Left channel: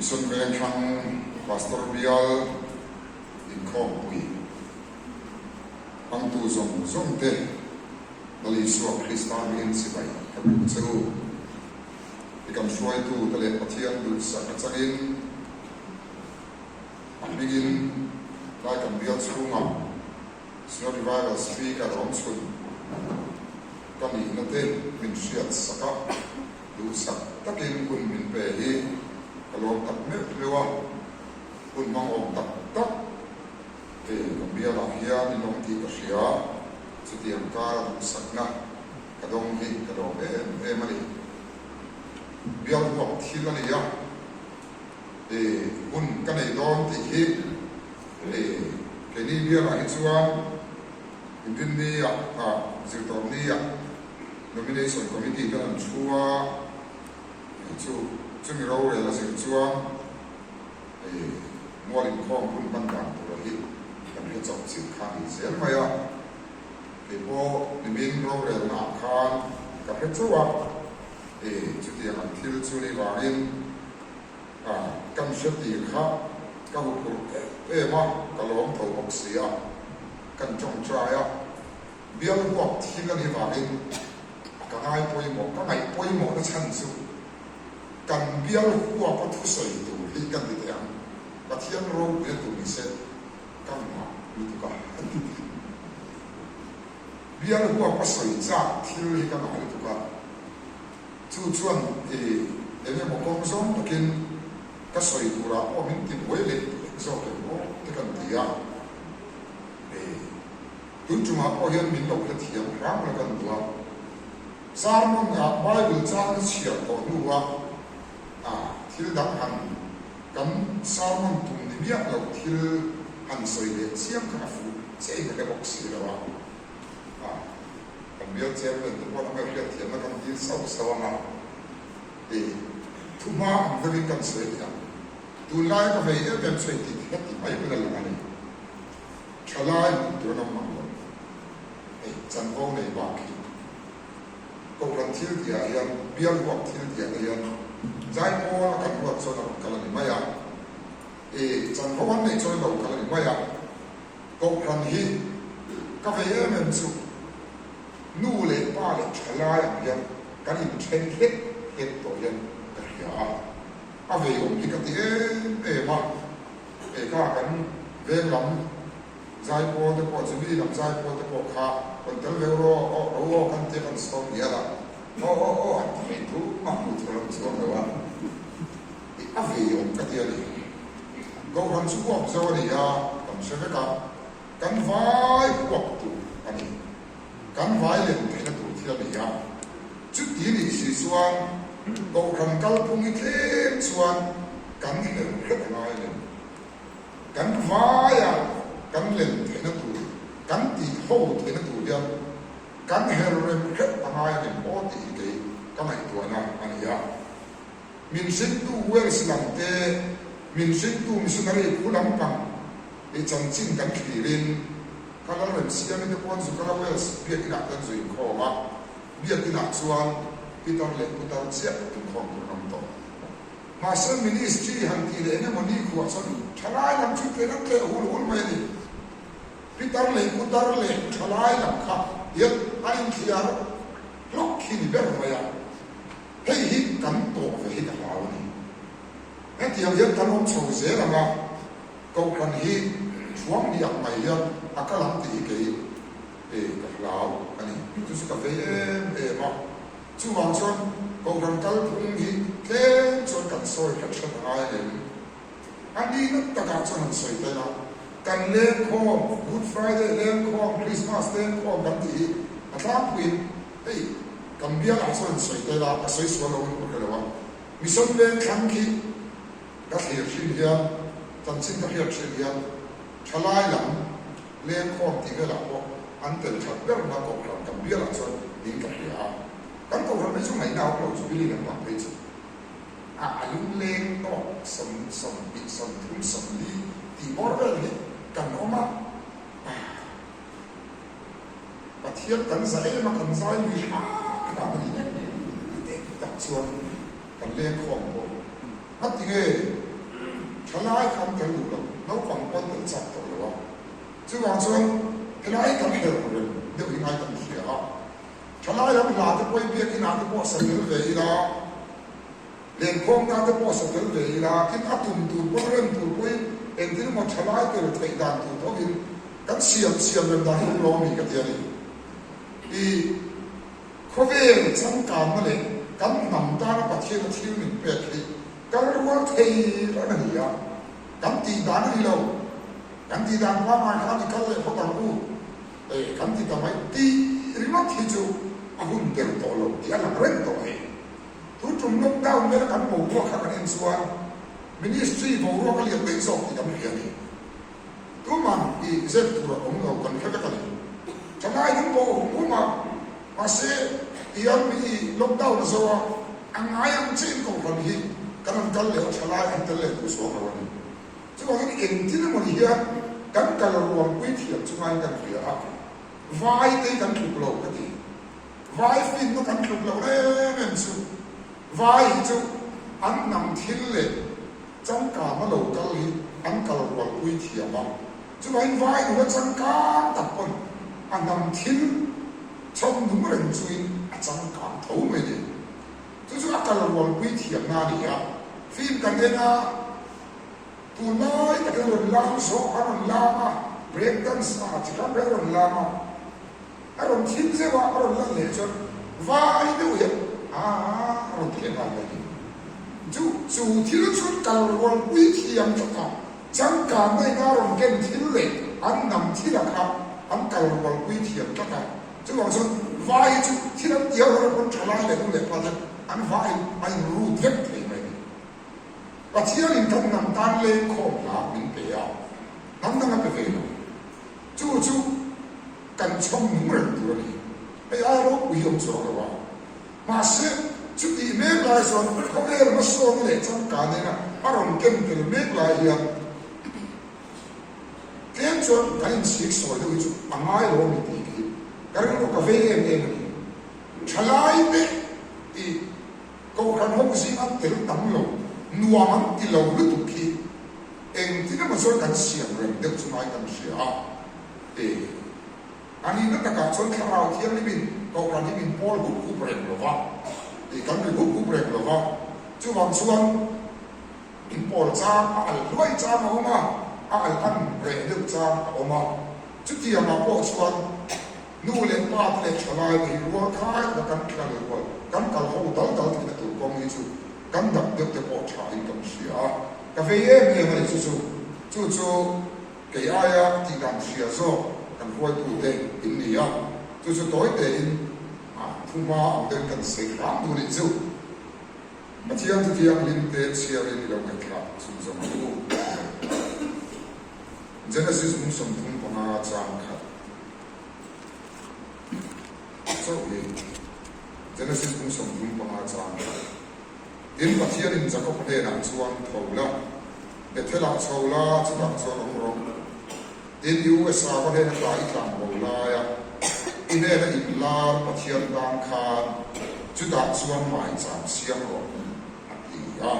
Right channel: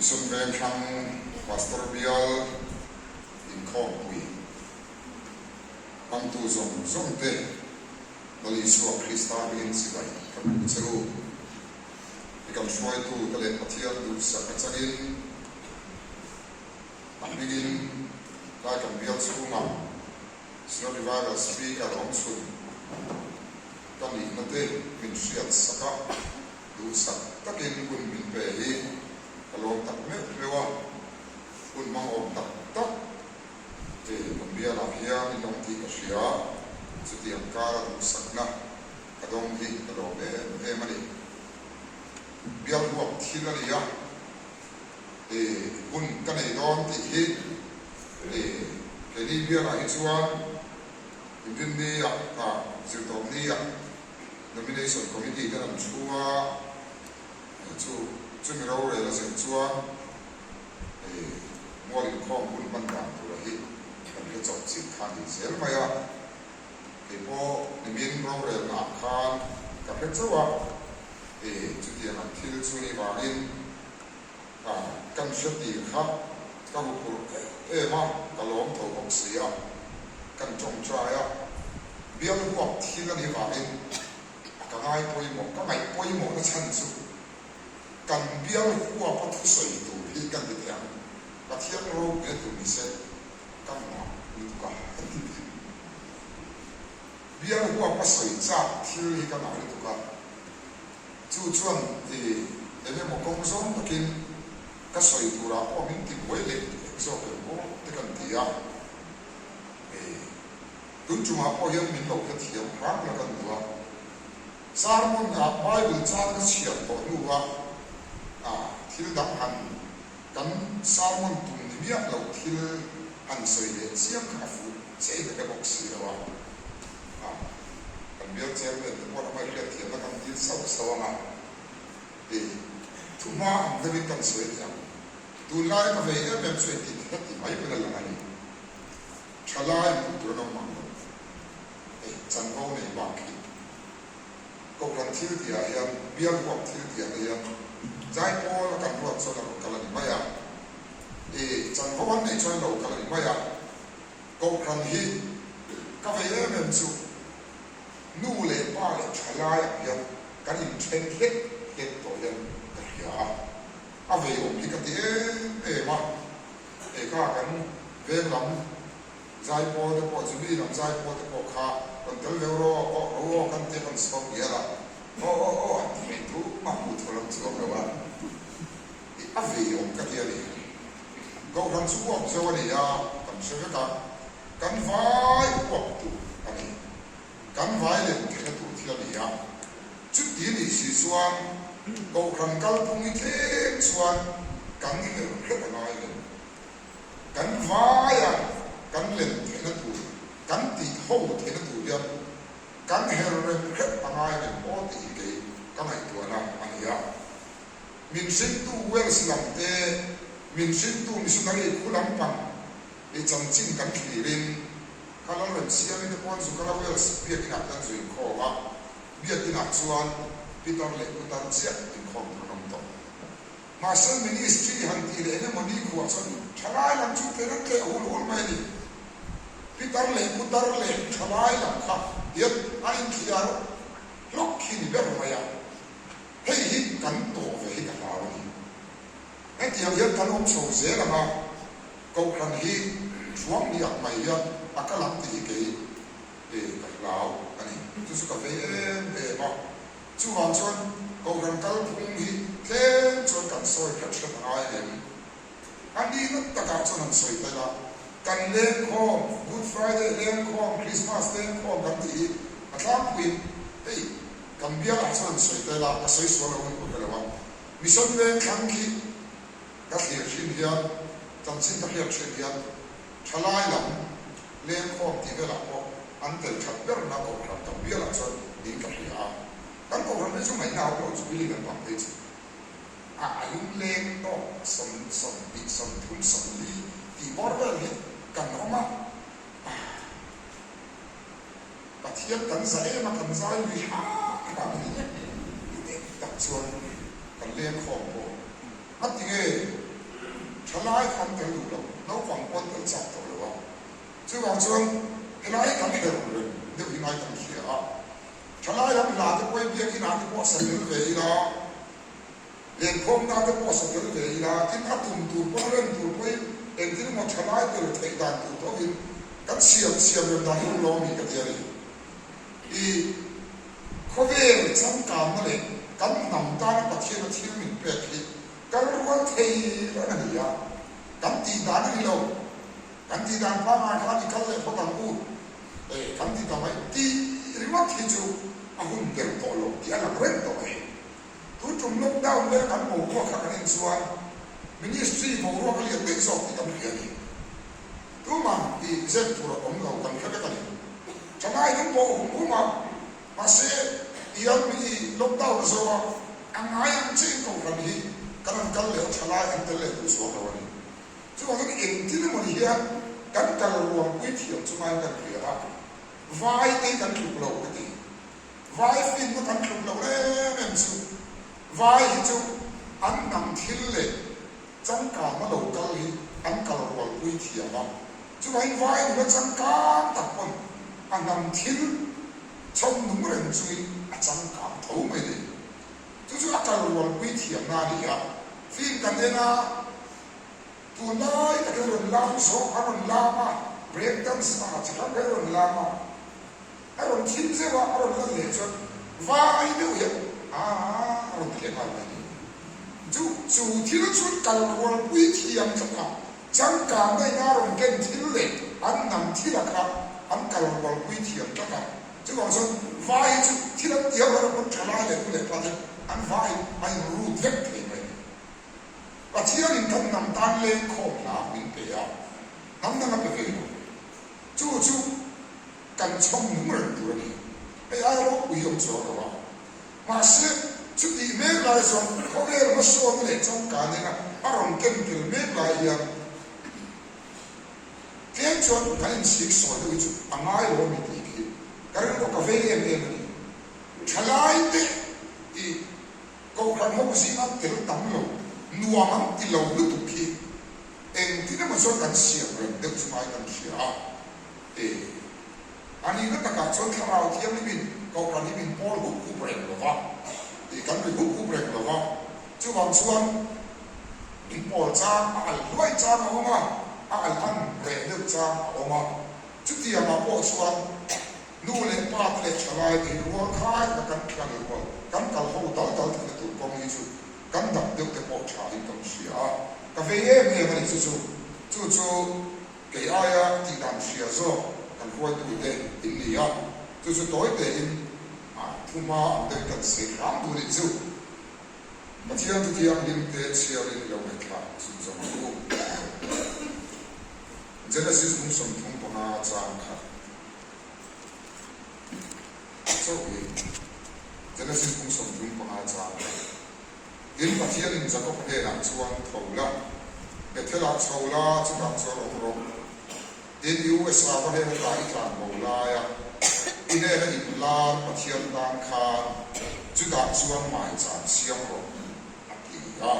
Xuân về thằng Pastor Bial in khom quy ang tu zong te dali suak Krista min sibai kapit seru ikan suai tu kale pathian du sa kachangin amigin lai kan bial sunga snow revival street around sun kami nate min siat saka du sa takin kun min pe hi kalong tak me lewa kun mang om tak tak te bia la hia ni long ti ka sia chuti am ka du sakna kadong hi kadong e mani bia lu thila ni ya kun kanai don ti hi ke ni bia la hi chuan in ni ya zirtom ni ya nomination committee kan chua chu mi ro le la sing chuan mo rin khom kun ban dang tu la hi kan ke chok chi khan hi sel ma ya ke po ni min ro le na khan ka phe chuwa chu ti han thil chu ni wa in kan shati kha ka hu ku ma ka lom tho ok sia kan chong cha ya bial huak thil ni wa in ka ngai poi mo na chan chu kan bial huwa pa thu soi tu hi kan ti yang ka thian ro be tu ni se kan ma ni tu ka bial huwa pa soi cha thil hi kan ai tu ka chu chuan ene mo kong song takin ka soi tu ra po min ti boi le so ke mo te kan ti ya tun chuma po yan min lo ka thiam rang la kan duwa sarmon ga bible cha na sia to nuwa thil dang han kan salmon tum ni bia lo thil han soi le siam ka fu che ka box si rawa kan bia che le te mo na mai le thiam na kan ti sau sawanga thu ma am de kan soi ya tu lai ka ve e bem soi ti ti mai pe la ani chalai tu na ma lo chan ho nei ba ki ko ran thil dia yan bia wak thil dia yan zai po kan ruat so na kala ni maya chan hoan nei choi lo kala ni maya ko kan hi ka ve em su nu le pa le thala ya kan in chen het to yan ka ya a ve om ki ka ti ma ka kan ve lam zai po de po chibi lam zai po de po kha kon tel ve ro o kan te kan stop ya la o ti tu ma mu thol chu wa a ve om ka ti ali go ran chu op zo ni ya kam se ka kan vai op tu ani kan vai le te na tu ti ali ya chu ti ni si suan go ran kal pung i the suan kan ni le ka na ile kan vai ya kan le te na tu kan ti ho te na tu ya kan her ren ka na ile o ti ke ka mai tu na ani ya min sin tu wel silam te min sin tu missionary kulam pang chan ching kan khirin kalan ram siam ni pon su kala wel biak ina kan zui kho wa biak ina chuan pitar le utar chia tu khom tu nam to ma san ministry han ti le ne moni khu asan thalai lam chu te rak le hul mai ni pitar le utar le thalai lam kha yet ain thiar lok khin ber ma ya hei hi kan to ve hi ka law ni en ti yam kan om so ze la ma ko kan hi chuang ni ak mai ya akalam ti ke ka law ani tu su ka ve ma chu wang chon ko kan kal phung hi tlen chon kan soi ka thla ai em ani na ta ka chon han soi ta la kan le ko good friday le ko christmas le ko kan ti atlam queen ei kan bia la chon soi ta la a soi so lo ko ka la mission ben kan ki ka thir thin hian tan sin ka hiat thin hian thalai lam le ko ti ga la ko an tel chat ber na ko kan bia la chon din ka hia kan ko ran chu mai nào lo chu bi le pa pe chu lung lên to som thum som li ti bor ve ni kan oma pathian kan sa ma kan sa ni ha ka ni ta chuan kan le khom bo ati ge chalai kan tel lu lo no kwang pon tel chak to lo chu wang chuan helai kan hel ren de hi nai kan hia chalai ram la te poi bia ki na te po sa tel ve ila len khom na te po sa tel ve ila kin atum tu po ren tu poi en tin mo chalai te le thei dan tu to hin kan siam ren da hi lo mi ka tia ni i khovel chang ka ma le kan nam ta na pathian a thil min pe khi kan ruan thei la na ni ya kan ti dan ni lo kan ti dan pa ma ka ni kal le pho tang u kan ti ta mai ti riwa thi chu a hun del to lo ti ala ren to he tu chung nok down le kan mo ko kha kan in suan ministry mo ro ka le te so ti kan hi ni tu man i zet tu ro om lo kan kha ka ni chamai hin bo ku ma se iyan mi lockdown so ang ayam chin ko kan hi kan kal le chala an tel le tu so ka wani chu ko ni en tin mo ni ya kan kal ruam pui thi chu mai kan ri a vai te kan thu lo ka ti vai fin no kan thu lo le men chu vai chu an nam thil le chang ka ma lo kal hi an kal ruam pui thi ma chu mai vai no chang ka ta pon an nam thil trong đúng rồi chui chẳng cảm thấu mấy đi tôi chú ác là luôn quý thiệt na đi à phim cần thế na tu nói cái rồi làm số anh làm à break dance à chỉ có cái rồi làm à anh rồi chim sẽ vào anh rồi làm lễ cho và ai đâu vậy rồi thì làm cái gì chú thiếu chút cần luôn quý thiệt chẳng cảm thấy na rồi cái thiếu lệ anh nằm thiếu là cả anh cần luôn quý thiệt cho cả chứ còn sao vai chứ thì nó tiêu ra con trả lại cũng để qua thế anh vai anh rút hết thì mày và chỉ là mình không nằm tan lên khổ là mình bé à nằm đang cái về chú cần trong những người tuổi này ai ai đó bị ông sợ rồi mà sẽ chú đi mấy lại rồi có cái mà số nó để trong cả này là anh còn kinh từ mấy lại hiện thế cho cái anh sĩ soi được chú bằng ai đó mình đi karena itu kafe yang ni, chalai te, kau kan hok si am terus tam lo, nuaman ti lo lu tu ki, tidak masuk kan siang ren, dek cuma kan siang, ani itu tak kacau kerau tiang ni bin, kau kan ni bin pol buku breng lo va, kan buku breng lo va, cuma bin pol cang, luai cang oma, kan breng dek cang oma, cuti yang apa suan nu le pa le chalai ni ro khai da kan kan ro kan kal ho dal ti tu ko mi chu kan dak de te po cha in kam sia ka fe ye me ma chu ke aya ti dam sia zo kan ho tu de in ni ya chu toi de in thu ma am de kan se ram tu ni chu ma tiang tu tiang lim te sia le lo me kha chu zo ma tu Genesis mung som thum pa na chang kha so Genesis cũng sống chung bằng hai trang đến và thiên linh chắc có thể làm chuan thầu la để thế là thầu la chúng ta cho ông rong đến USA có thể là đại trang bầu la ya in đây là in la và thiên đang khan chúng ta chuan mãi trang xiang rồi đi ya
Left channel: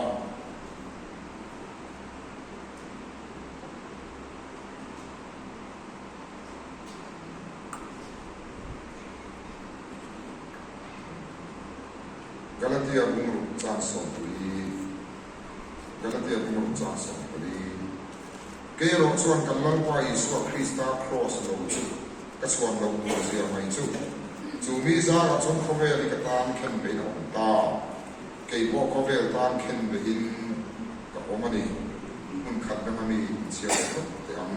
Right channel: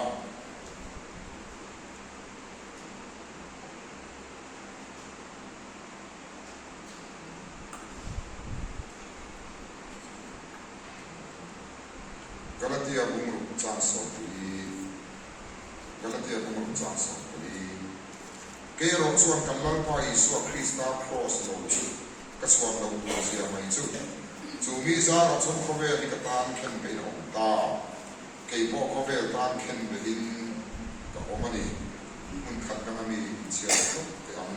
Galatia bumru chang song puli Galatia bumru chang song puli ke ro chuan kan lang pa Isu Krista cross lo chu ka chuan lo bu zia mai chu mi za ra chon khove ni ka tan khen be no ta ke bo khove tan khen be hin ka omani mun khat ka mi sia to te am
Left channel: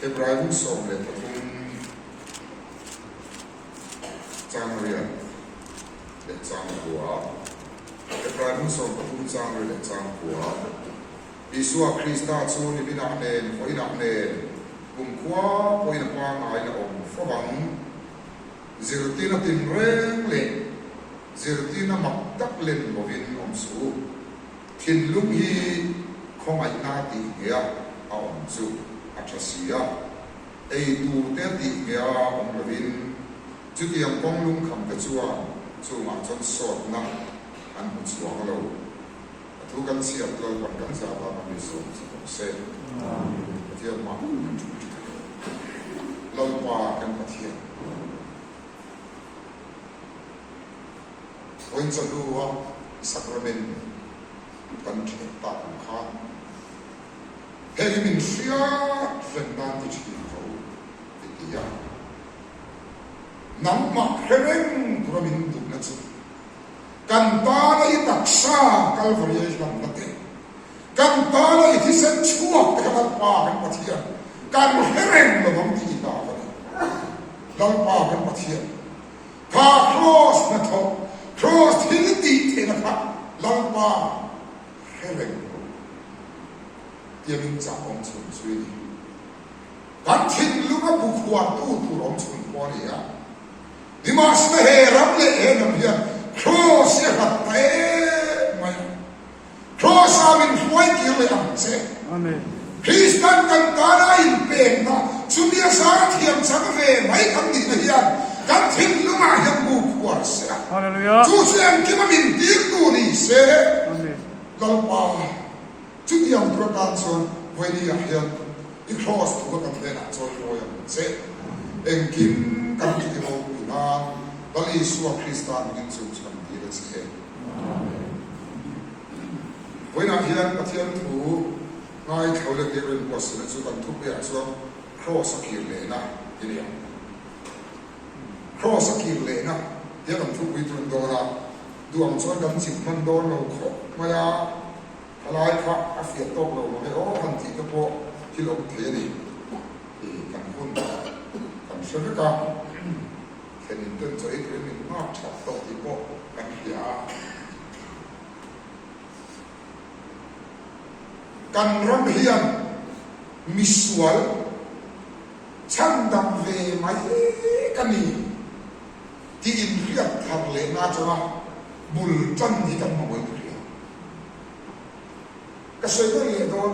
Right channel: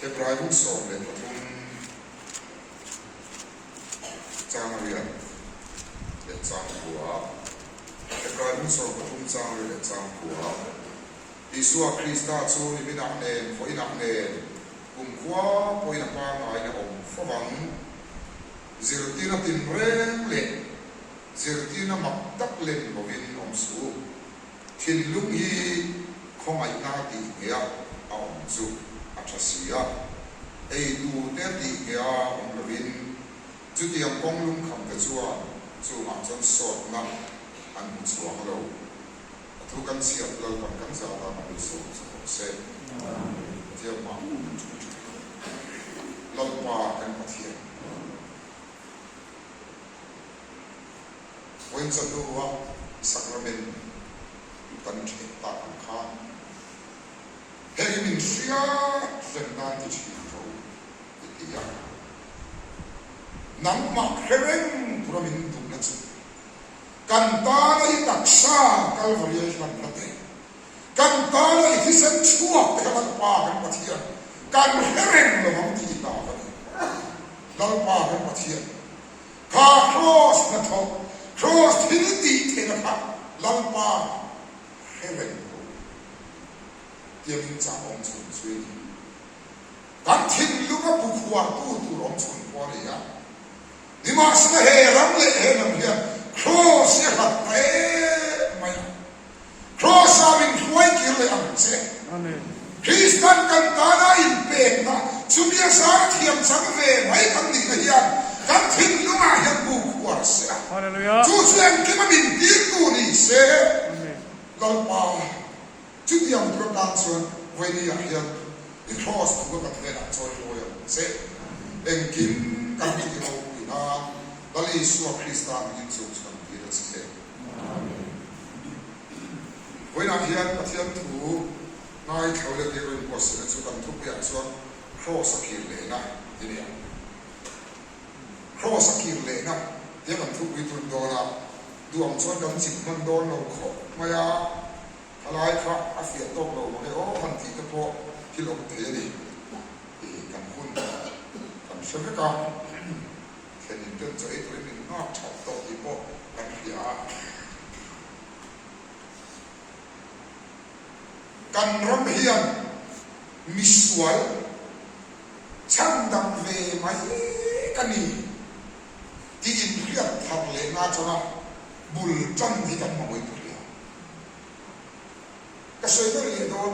Hebraium song le thun chang ria để trang của cái trái muốn sống của chúng trang để trang của Isu Krista cho đi bên nặng nền phơi nặng nền cùng qua phơi nặng qua ngày là ông phơi vắng giờ tí là tin rèn lệ giờ tí là mặc đắp lên vào bên ông số thiên lúc hi không ai na tí nghe ông số achasia ai tu té tí nghe ông là bên chú tiệm công lung khăm cái chúa chú mà trong sọt nặng anh một số cái đâu ทุกันเสียเราวันกันสาบานมีสุขสุขเสกเทียมมาเราว่ากันมาเทียมวันจะดูว่าสักระเมนกันเทียบตาของข้าเฮ้ยมินเสียเส้นด้านที่ชีวิตเราอีกอย่างน้ำมักเฮเร่งพระมินดุนัสุกันตาในตักษาคัลวารีย์กันนั่นเองกันตาในที่เส้นชั่วแต่กันป่ากันมาเทียนกันเฮเร่งเราบังที่ตากันเราป่ากันมาเทียนข้าครอสนะทบครอสที่ดีเทนะครับเราป่าเฮเร่งเดี๋ยวมินจ่าองค์ชุนช่วยดีกันทิ้งลูกบุควันตู้ตู้องค์ชุนพอดีอ่ะดิมาสเฮรัมเล่เฮนัมเพียครอสเนี่ยขัดเตะไม่ครอสอาวินช่วยกิเลอังเซ่คริสตันกันตาหน้าอินเป็นนะสุนียสารเทียมสังเวไม่ทำดีนะเฮียกันทิ้งลูกมาเฮียบุควันเซ่จู่เสียงกิมันมินตีตู้นี่เซ่เราป่าจุดยังประการส่วนวันนี้เฮียอีครอสถูกกันเทน่ะส่วนโวยเซ่เอ็งกินกันที่เราอีน่าตอนนี้สัวคริสตันกินสุขสันติรัสเซ่วันนี้เฮียประเทศถูกนายเขาเรียกเรื่องวัสดุสุกันทุกอย่างส่วนครอสกิลเลยนะทีเดียวครอสกิลเลยนะเดี๋ยวกันทุกวิธีโดนละดวงส่วนกันจิตมันโดนเราขอมาyaอะไรครับอาเซียนโตเราบอกว่าโอ้ทันทีก็พอที่เราเทียดีกันหุ้นกันเชื่อกันแค่นี้เดินใจตัวนี้มากชอบโตที่พอกันเหียกันรำเฮียนมิสวลช่างดำเวไหมกันนี่ที่อินเรียบทางเลน่าจะนะบุลจันที่กันมาไว้ด้วยก็สวยก็เลยโดน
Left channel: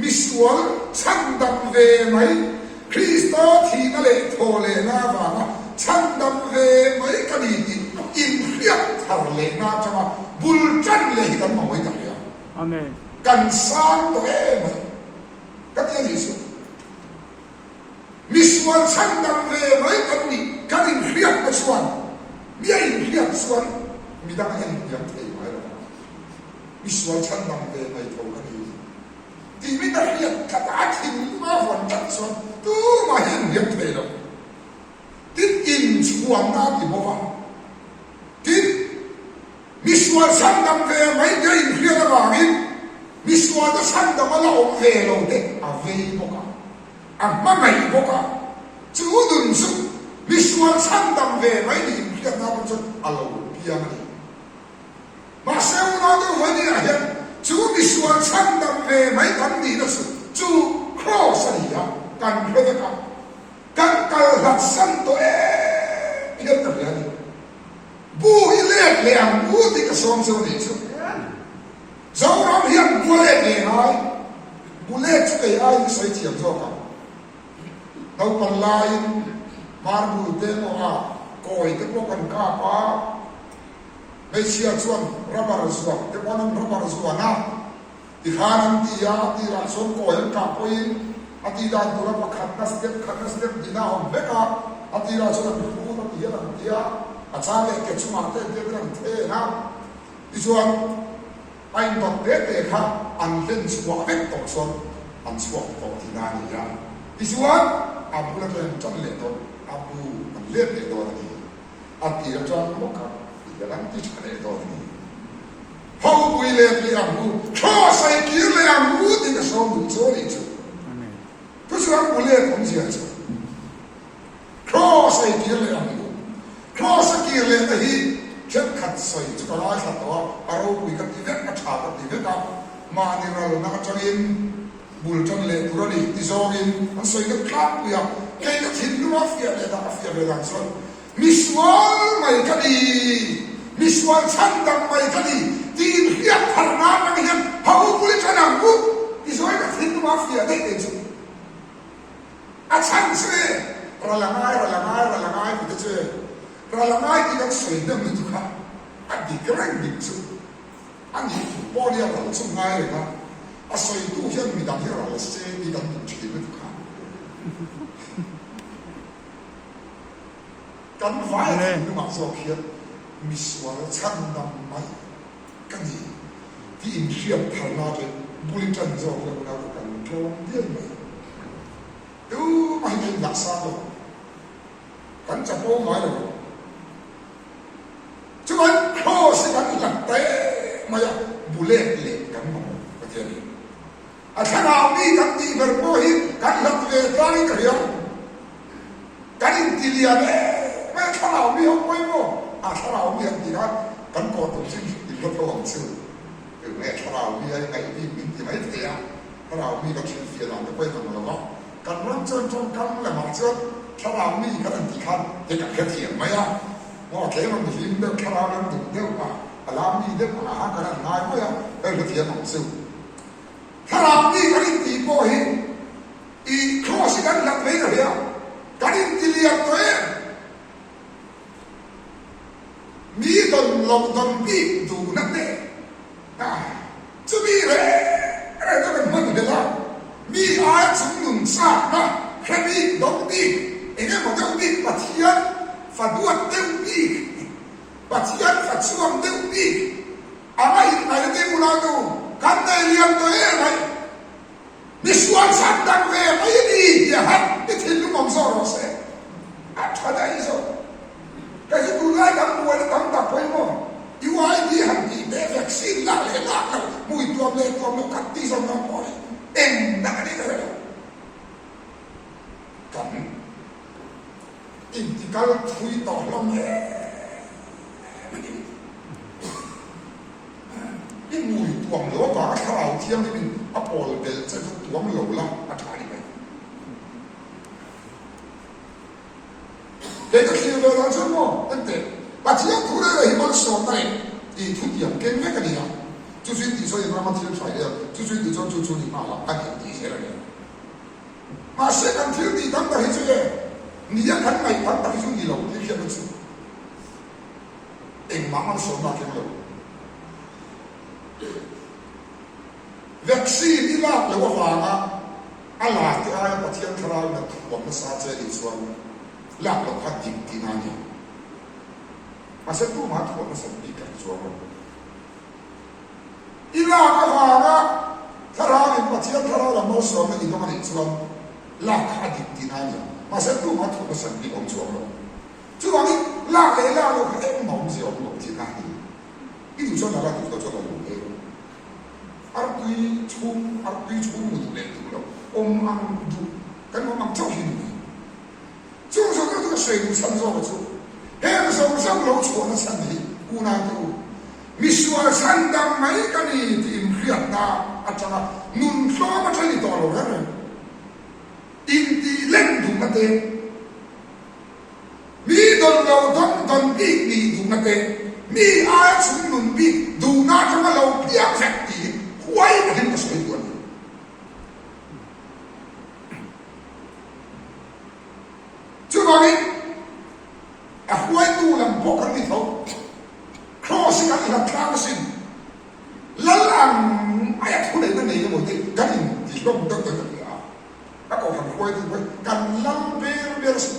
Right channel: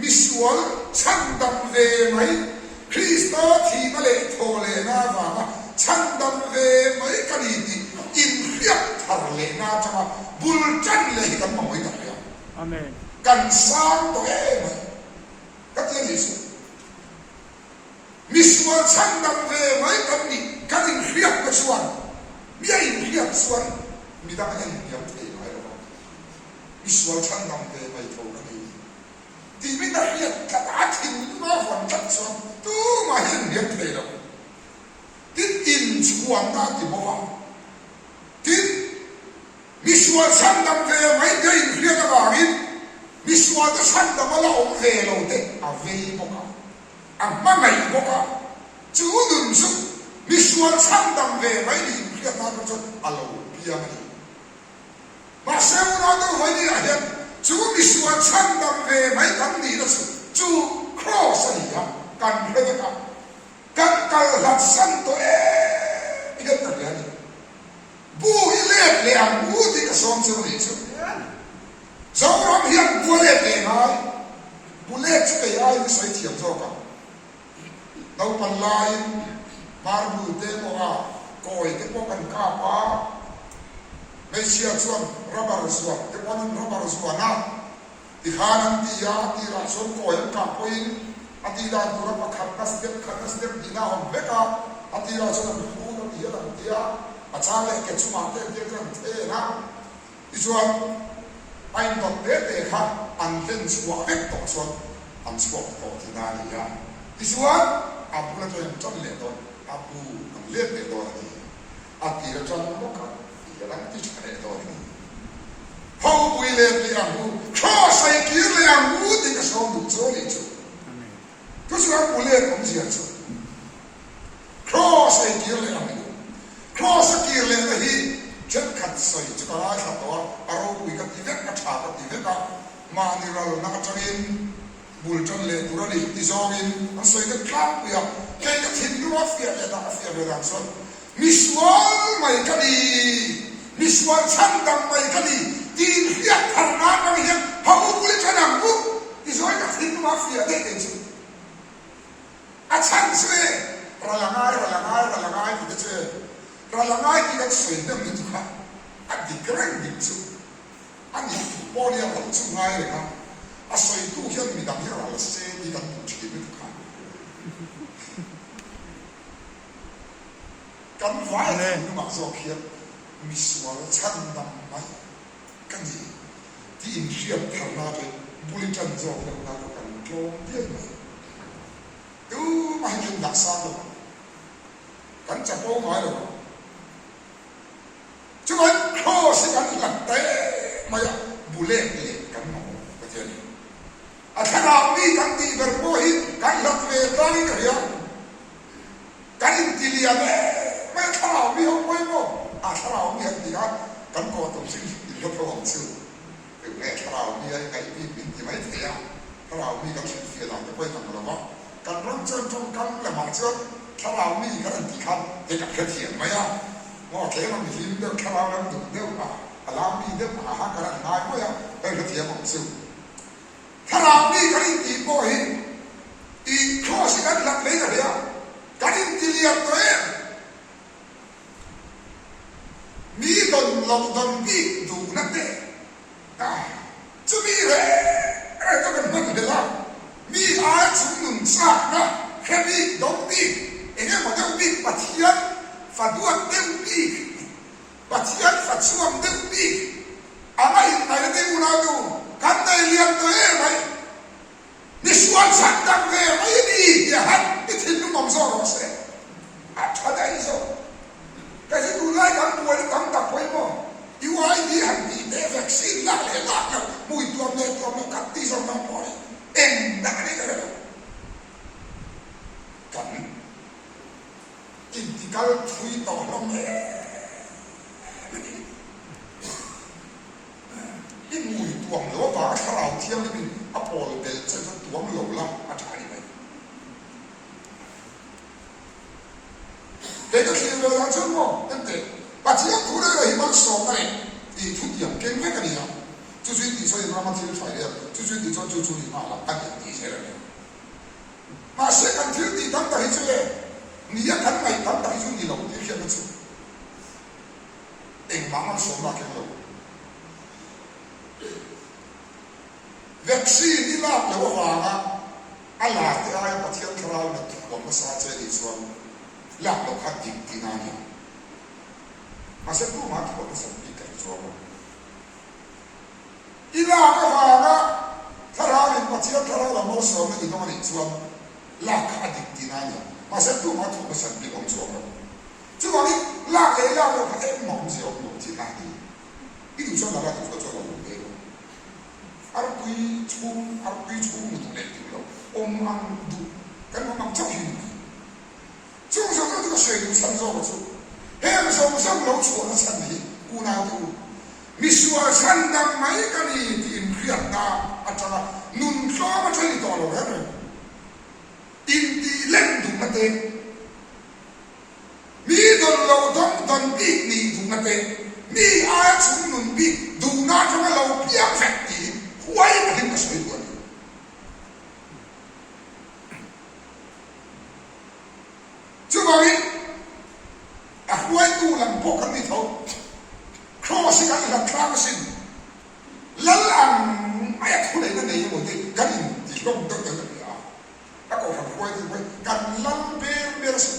มิสวลช่างดำเวไหมคริสต์ที่นั่นเลยโทเลน่าว่าช่างดำเวไหมกันนี่ที่อินเรียบทางเลน่าจะมาบุลจันเลยกันมาไว้ด้วยอาเมนกันสร้างตัวเองก็ที่นี่สิมิสวลช่างดำเวไหมกันนี่กันอินเรียบกับส่วนมีอินเรียบส่วนมีดังนั้นยังเท่ไหมหรอมิสวลช่างดำเวไหมเท่านั้นที่ไม่ได้เรียกกระดาษทิ้งมาฝันจัดส่วนตู้มาเห็นยังเท่หรอที่อินส่วนน่าที่บอกว่าที่มิสวลช่างดำเวไหมยังอินเรียบกับอะไรมิสวลช่างดำมาเราเวโลเดอาเวบอกว่าอามาไม่บอกว่าจูดุนสุมิสวลช่างดำเวไหมนี่อินเรียบน่าเป็นจุดอาลูพิยามันมาเซลนาดูวันนี้เห็นจูมิสวลช่างดำเวไหมกันดีนะสุจูครอสนี่ฮะกันเรื่องกันกัลหัดสันตัวเองเห็นตัวนี้บูฮิเลกเลี้ยงบูที่กระทรวงสุริสุเจ้าเราเห็นบูเลกเลี้ยงไอ้บูเลกจะไอ้ใส่เทียมโซ่กันเราปันลายมาบูเตโมอาโกยเตโมกันข้าป้าไม่เชื่อส่วนรับบาร์ส่วนเตโมนั้นรับบาร์ส่วนนะที่หานันที่ยาที่รักส่วนโกยกันโกยอธิดานตัวรับขัดนัสเด็กดีน่าหอมเบก้าอธิดานส่วนนั้นพูดอธิดานที่ยาอาจารย์เล็กเก็บสมาร์ทเด็กกันเท่นะที่ส่วนไอ้ดอกเด็กครับอันเล่นสวะเด็กตกส่วนอันสวะตกที่นั่นนี่ยาที่ส่วนอาบุระเป็นจันเล่นตัวอาบุมันเล่นเล่นตัวนี้อาทิตย์ละจันมุกกันที่รังที่จะเล่นตัวนี้พอบุยเล่นเลี้ยงบุข้อใส่กิเลสบุที่จะสอนดูโซ่ลิจูทุกส่วนบุเล่นผมเสียจูข้อใส่กิเลสบุข้อใส่กิเลสที่เช่นขัดใส่จุดอะไรขัดตัวอารมณ์วิกัติเวกชาติเวกมาในเราหน้าจันอินบุลจันเล่ตุรนีที่ซอกินอันใส่เด็กคลาบเวียแค่ทิ้งดูว่าเฟียเวดาเฟียเวดาส่วนมิสวลไม่กันดีมิสวลช่างดำไม่กันดีที่เรียกผ่านน้ำกันเห็นเขาบุลจันนังบุที่ซอยก็ทิ้งดูว่าเฟียได้เองสิอาชันเซ่ระลังไงที่จะเจอระลังไงที่จะสวยน้ำมันทุกข์อันที่กระไรยิ่งสุดอันนี้ บ่เนี่ยเขาสุ่มง่ายเลยครับอาศัยตู้เฮียนมีดังที่เราเสียมีดังถูกขีดไม่ถูกขาดกันไว้ที่มาโซเคียมีส่วนชั้นดำไหมกันดีที่อินเดียทำมาเลยบุริจันโจเราเรากันโจมเดียวไหมดูมันเป็นหลักสร้างหรอกันจะโป้งไว้หรอช่วยโคสิกันหลักเตะมาอย่างบุเล่เล็กกันหมอประเทศนี้อาคารามีกันดีแบบโบหิกันหลักเวทนี่กันยังกันอินทิเลียเน่ไม่คารามีเอาไปบ่อาคารามีอันดีกันโกตุสิ่งที่เขาทำซื่อถึงแม้คารามีไอ้มีที่ไม่เสียคารามีก็คิดเสียหลังจะไปทำอะไรบ้างกันรักเจ้าจงกันและมาเจ้าคารามีกันอันที่คันจะกับเถียงไหมอ่ะว่าแค่มันหิมเด้อคารามันดุเด้อมาอาลามีเด้อมาหากันง่ายไหมอ่ะเออเถียงของซื่อคารามีกันที่โบหิอีโคสิกันหลักเลยกันเนี่ยกันที่เรียนตัวเองมีดนลงดนปีดูนั่นเองจะมีเลยจะเป็นมันเดียวมีอาชุมนุมสานะแค่มีดงปีเองมันดงปีปัจเจียนฝัดวนเต็มปีปัจเจียนฝัดส่วนเต็มปีอะไรไหนเต็มเราดูกันได้เรียนตัวเองไหมมีส่วนสัตว์ดังเวไม่ดีอย่าหันไม่ทิ้งลูกน้องโซ่เราเสียอัดอะไรโซ่ก็จะดูไล่กันตัวแล้วตั้งตับไว้มั้งอีวายดีหันดีเด็กวัคซีนละเลยละแล้วมุ้ยตัวเล็กตัวมันกัดที่สมองพอเลยเอ็งดังนี้ก็เลยกันอินทิกาลทุยต่อลงเลยนี่มุ้ยตัวมันหรือว่าคาราเทียมนี่เป็นอพอลเดลจะตัวมันหลงละมาถ่ายไปเด็กก็คิดเลยว่าจะมั้งนั่นเด็กปัจจัยทุเรศเลยมันสอนได้อีทุกอย่างเก่งแค่กันเนี่ย就是你说有那么听出来的，就是你说就你妈了，按你底下了呢。那谁敢听你当的这个？你要敢买当的就你了，你骗不出。慢慢说那听了。vaccine 你那了我话啊，阿拉的阿要把天出来那我们啥子你说，那了他顶顶那样。阿是不嘛我们身体敢做吗？อีลาก็ฟังนะถ้าเราเห็นว่าเทียบถ้าเราไม่สวมมันอีกต้องมันสวมลากขาดิบที่นั่นเนี่ยมาเสร็จตัวมาถูกสันติของสวมเราจู่วันนี้ลากเลยลากเราเอ็มมองเสียวมองที่นั่นนี่ที่อยู่ส่วนนั้นเราอยู่ส่วนเราดูเองอาร์ตุยชุ่มดูเลยดูเราอมอังดูกันว่ามันเจ้าหินจู่ส่วนนั้นก็เสียอยู่ชั้นสองจู่เฮ้ยมันส่งสังเราชัวร์ชั้นนี้กูน่าดูมีส่วนสันดังไหมกันนี่ที่อินเดียน่ะอาจารย์นุ่นซ้อมาใช้ต่อเราแล้วเนี่ยอินดีเล่นดูมาเต็มมีดนเราต้องปีนี่ดูมาเต็มมีอาชุมนุนปีดูน่าจะมาเราเพียงแฝงตีไว้มาเห็นก็สวยกว่านี้จุดนี้ไว้ดูลำพวกกันที่เขาข้อสิ่งที่เราทำสิ่งแล้วไอ้ทุเรศนั่นเองหมดที่กันที่ลงตั้งแต่เด็กแล้วก็ทำคุยถึงว่ากันลังเบลสิ่ง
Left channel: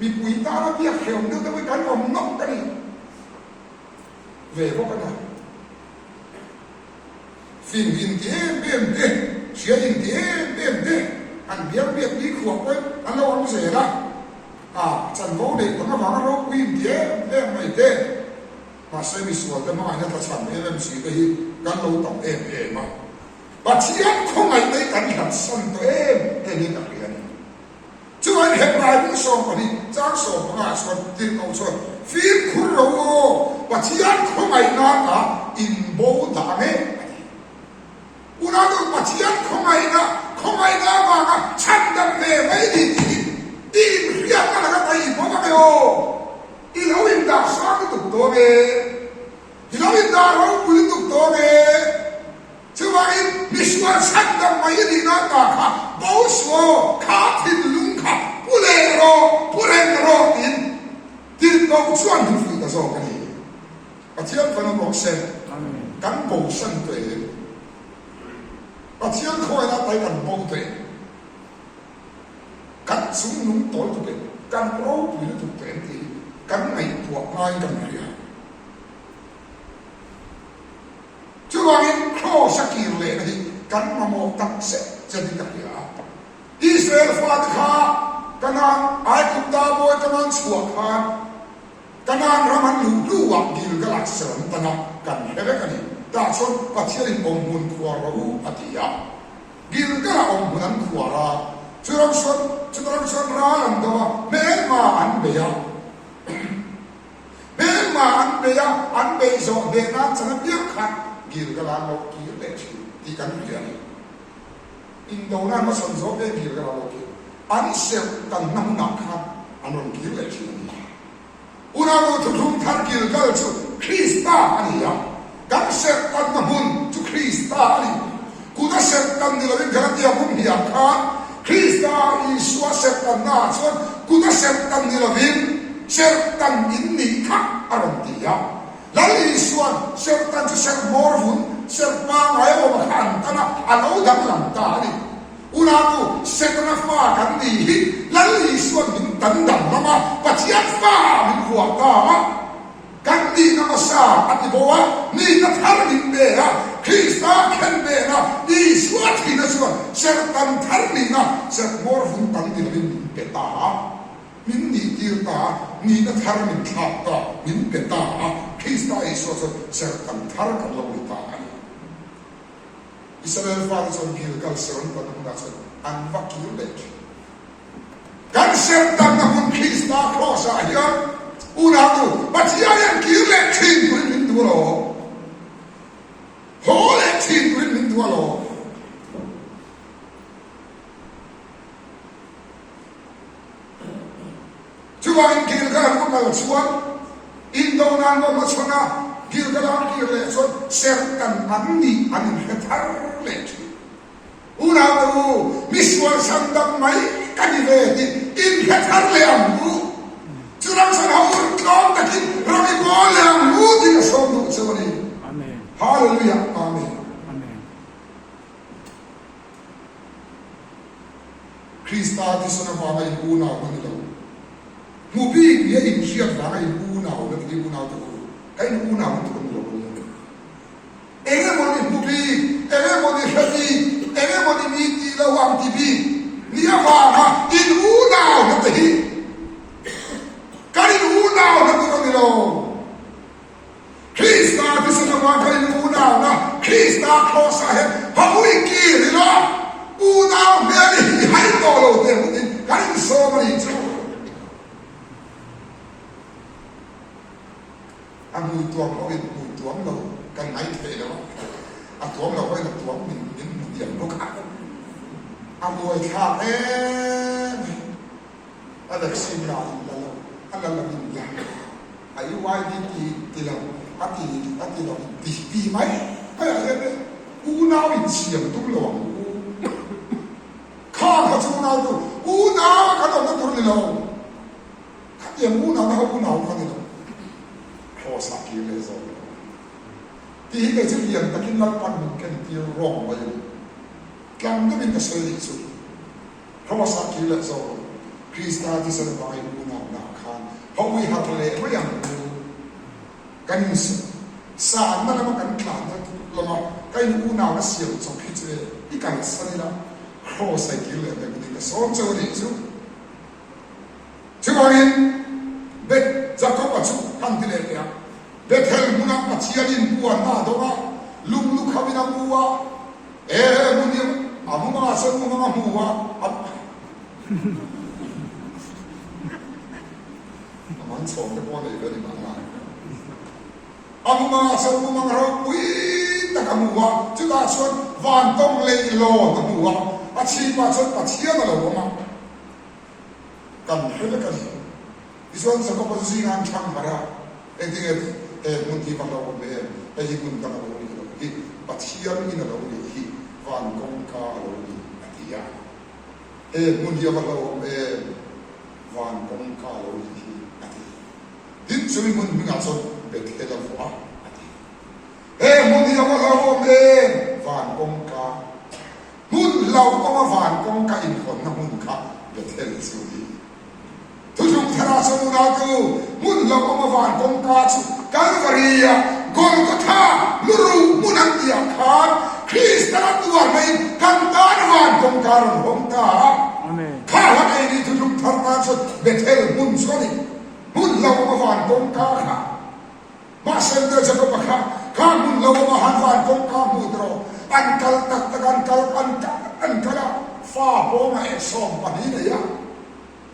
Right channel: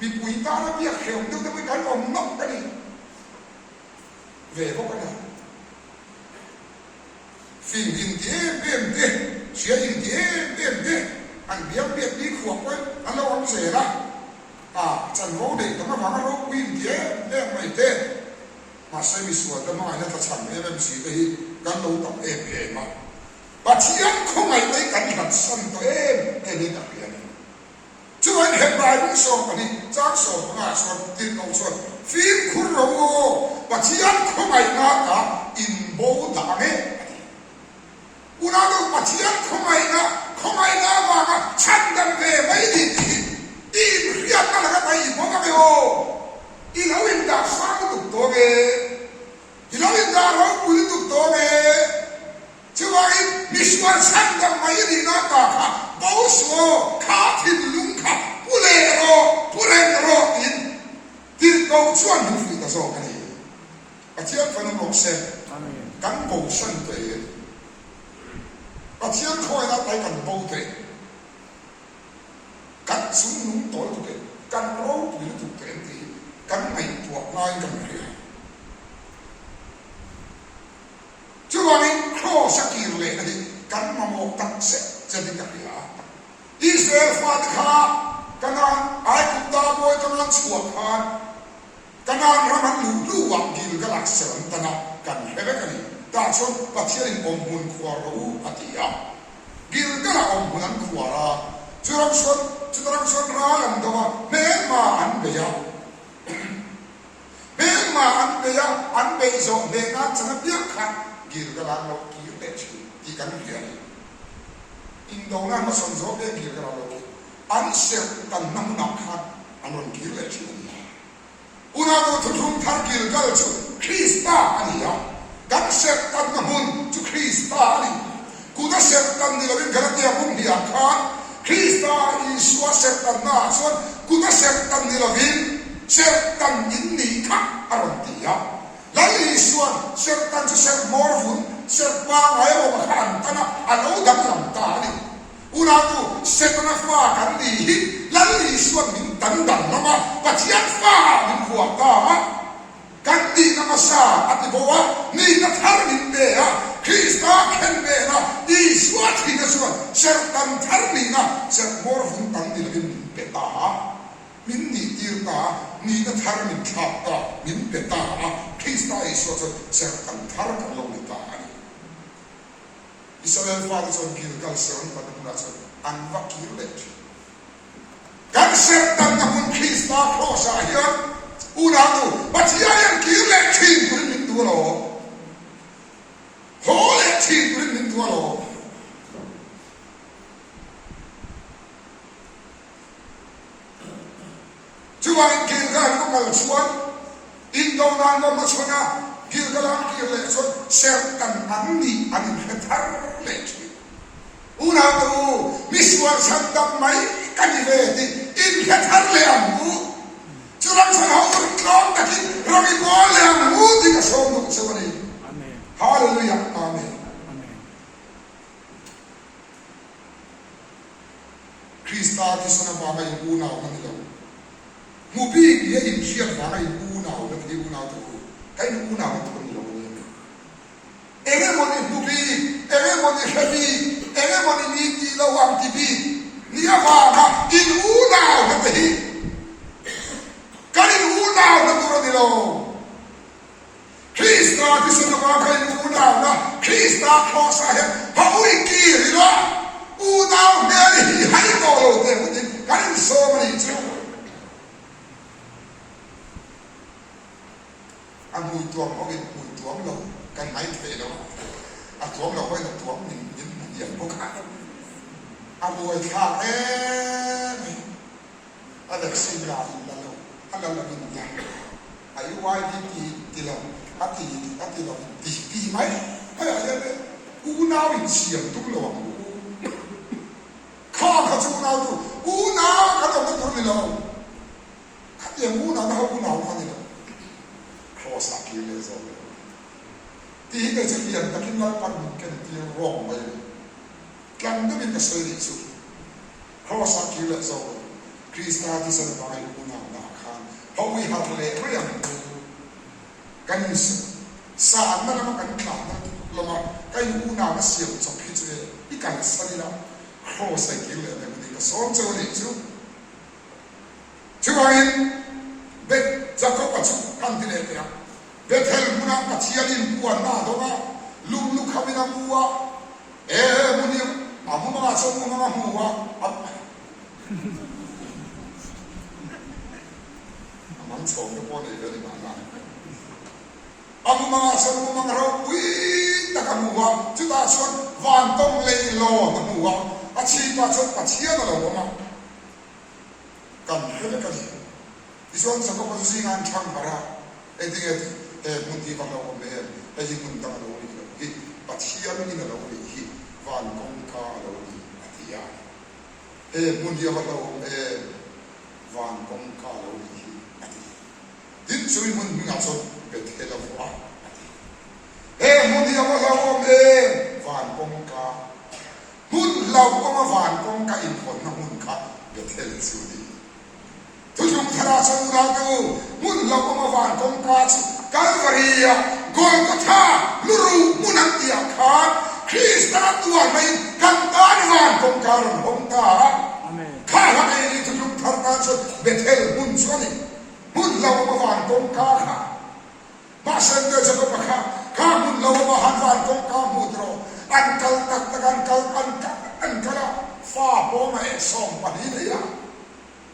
มีปุ๋ยตาแล้วเบี้ยเขียวนึกถึงว่ากันอมนกกันนี่เวพวกกันนะฟิล์มอินเดียเบี้ยเบี้ยเชียอินเดียเบี้ยเบี้ยอันเบี้ยเบี้ยนี่ขวบไว้อันเราอันเสียละจันโมเด็กต้องมาฟังเราอินเดียเบี้ยไม่เด้มาใช้มีส่วนแต่มาเนี่ยถ้าฉันเอ็มซีก็ฮีกันเราต้องเอ็มมาปัจจัยคงไงในกันหัดสั่นตัวนี่นักเรียนช่วยเห็นรายผู้สอบนี้จ้างสอบมาส่วนติดเอาส่วนฟิล์มคุณรู้ปัจจัยคงไงนักอินโบดาเน่อุณาดูปัจจัยคงไงนักว่าฉันดังเล่ไม่ดีดีเรียกอะไรกันไปอีกบอกไม่โออีเราอินดาสร้างตุกตัวเองอีเราอินดาเราคุยตุกตัวเองช่วยมิสวาสันดังไม่ดีนักค่ะบ่าวสวขาทินลุงค่ะผู้เล่โรอินที่เราชวนดูฟิตาโซกันนี่ปัจจัยฟังมองเซนกัน กันโบสันเตะปัจจัยคอยละไปกันโบเตะกันสุ่มนุ่งต่อตุเตะกันโปรตุยตุเตะตีกันไม่ตัวลายกันเลยช่วงนี้ครอสกิลเลยนะกันมาโมตักเสจะดีกับยาอิสราเอลฟาดขากันนั้นไอ้กุฎดาบอยกันนั้นชัวขากันนั้นรามันลู่วักกิลกัลักเสริมตนะกันเห็นไหมกันนี่แต่ส่วนปัจจัยองบุญขวารูปฏิยากิลกัลองบุญนั้นขวาราจุดรังส่วนร้าลันตัวเมื่อมาอันเบียเมื่อมาอันเบียอันเบียโซเดนันจะนับยักษ์ขัดกิลกัลเรากิลเลชิที่กันเบียอินโดนั้นมาสนใจเรื่องกิลกัลเรากิอันเสียกันน้ำหนักขัดอันนั้นกิลเลชินี่อุณาโดทุกท่านกิลกัลจุคริสต์อันนี้กันเสียกันน้ำมันจุคริสต์อันนี้กูจะเสียกันนี่เราเป็นกันที่อาบุญที่อาคาคริสต์อิสุอาเสตันนาส่วนกูจะเสตันนี่ละวินเสตันอินนี่ค่ะอารมณ์ที่ยาแล้วอิสุอาเสตันจะเสมอร์ฟุนเสปางไอ้โอมาขันตันอันโอดังลำตานี่อุณากูเสตันฟ้ากันดีแล้วอิสุอามินตันดังนะมาปัจจัยฟ้ามินหัวตามากันดีนะมาซาอัติโบวะนี่นัทฮาร์มินเดียคริสต์เข็นเบนะอิสุอาที่นั่นส่วนเสตันทาร์มินะเสมอร์ฟุนตันดีละมินเปตามินนี่ตีร์ตานี่นัทฮาร์มินชาตามินเปตาคริสต์อิสุอาเสตันทาร์กันลงตาอิสราเอลฟ้าส่วนกิลกัลเสริมตันมุนัสอันวักกิลเลชกันเสตันนะมุนคริสต์ครอสาฮิอันอุณาดูปัจจัยยังกิลเลชินกุริมินตัวโลโหเลชินกุริมินตัวโลช่วงกิลกัลก็มาช่วงอินโดนันก็มาช่วงนะกิลกัลกิลเลชเสตันอันนี้อันเฮตาร์เลชอุณาดูมิสวาสันดัมไม่กันเวทีอินเฮตาร์เลอัมบูจุดนั้นฉันเอาอุดน้องตะกี้เราไม่บอกเลยอัมบูที่จะส่งดูสวัสดีอาเมนฮาเลลูยาอาเมนอาเมนคริสต์ที่สนามว่าอิบูนาวันนี้เรามูบีเนี่ยอินเชียร์ว่าอิบูนาวันนี้อิบูนาตัวไอ้อิบูนาตัวนี้เราเองมันอิมูบีเองมันอิเชบีเองมันอิมีตีเราวางทีบีนี่ว่ามาอิบูนาวันนี้กันอิบูนาวันนี้เราเนี่ยเราคริสต์ที่สนามว่ากันอิบูนานะคริสต์ครอสาเหตุพระวิกีนี่นะอูนาเมรีให้ตัวเราเดี๋ยวนี้กันอิโซมันอิจูอันมุยตัวเขาเป็นมุยตัวเรากันไหนเทแล้วอันตัวเราไว้กับตัวมันยังเดียวพวกขาอันมุยขาเอ๊ะอันเด็กสิ่งใดแล้วเราอันนั้นเราเป็นยังอายุวัยที่เราที่เราดีไหมอะไรเนี่ยอูน่าวิเชียงตุ้งหลวงข้าเขาจูน่าดูอูน่าเขาต้องตุ้งนี่เราข้าอย่างอูน่าเขาอูน่าเขานี่เราคอสกิเลสที่เกิดจากเรียนตะกินลับปันกันที่ร้องไปกันก็เป็นกษัตริย์สุดคอสกิเลสคริสต์ที่สบายอุณาหนาคานเพราะวิหารเลวไม่ยังกันสารนั่นมันกันขาดนะเรามากันอุณาเสียจบพิจารณาที่กันสันนิษฐานคอสกิเลสเป็นคนที่กษัตริย์เจ้าหนี้สุดช่วยเบ็ดจะเข้าไปชุบพันธุ์เลยเนี่ยเบ็ดเฮลมุนักมาเชียรินบัวหน้าตัวก็ลุงเขาไม่นำบัวมุนีอามุมาสมุมาบัวมันส่งไปบัวเลยเลยบ้างนะอามุมาสมุมาเราวิ่งตะกับัวจุดอาชวนวันต้องเลยโลตะบัวอาชีพอาชวนอาเชียนั่นแหละบัวมากันเฮลกันที่ส่วนสังคมสิ่งงานช่างพระเองที่มุนที่ฟังเราเป็นไอ้ที่มุนตั้งเราที่ปัจจัยนี่เราที่วันกงกาเราที่อัติยามุนที่ฟังเราวันกงกาเราที่อัติดินช่วยมุนงานส่วนเป็นเทเลฟ้ามุนที่ฟั lâu om em van công ca mun lâu có van công ca in phone na mun ka Bethel chu đi tu chung thara sa mun na tu mun lâu có van công ca chu Calvaria Golgotha luru mun an dia khan Krista tua mai kan tan van công ca ram hom ta kha la ai ni tu chung thara sa Bethel mun chu ni mun lâu có van công ca kha ma sen de sa ko pakha kha mun lâu có van công ca mu tro an kal tak tak an kala fa po ma e som pa ni le ya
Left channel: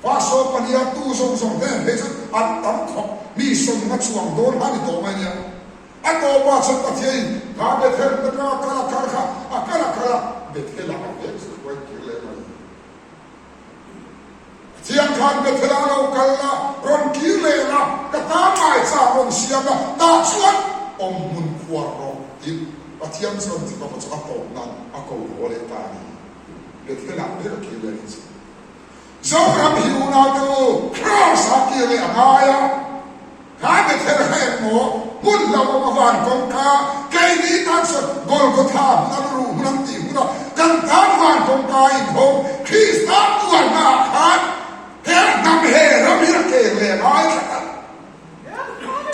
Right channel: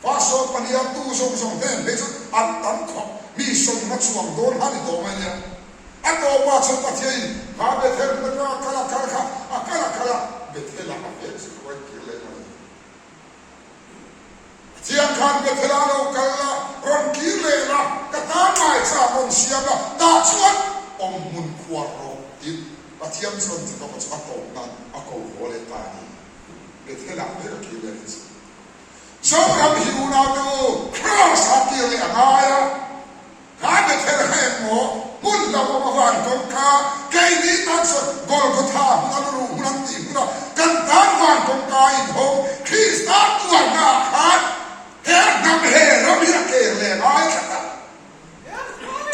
fa so pa ni ya tu som som den be chu an tam kho mi som na chuang don ha ni do ma ya an do ba chu ta thei ha be the na kala kala akala be the la be chu ko ki le ma chiang khan be the la lo kala ron ki le na ka ta mai sa ron siam na ta chuan om mun khwa ro in Atiam son ti ko chu ako na ako ole ta ni Bethel la be ki le ni so ram hiu na tu cross ha ki le aya ha Bethel he mo mun la mo van kon ka kai ni an so Golgotha na ru nam ti na kan ta van kon ka in ho Krista tu na ha he nam he ram hi ke le ai ka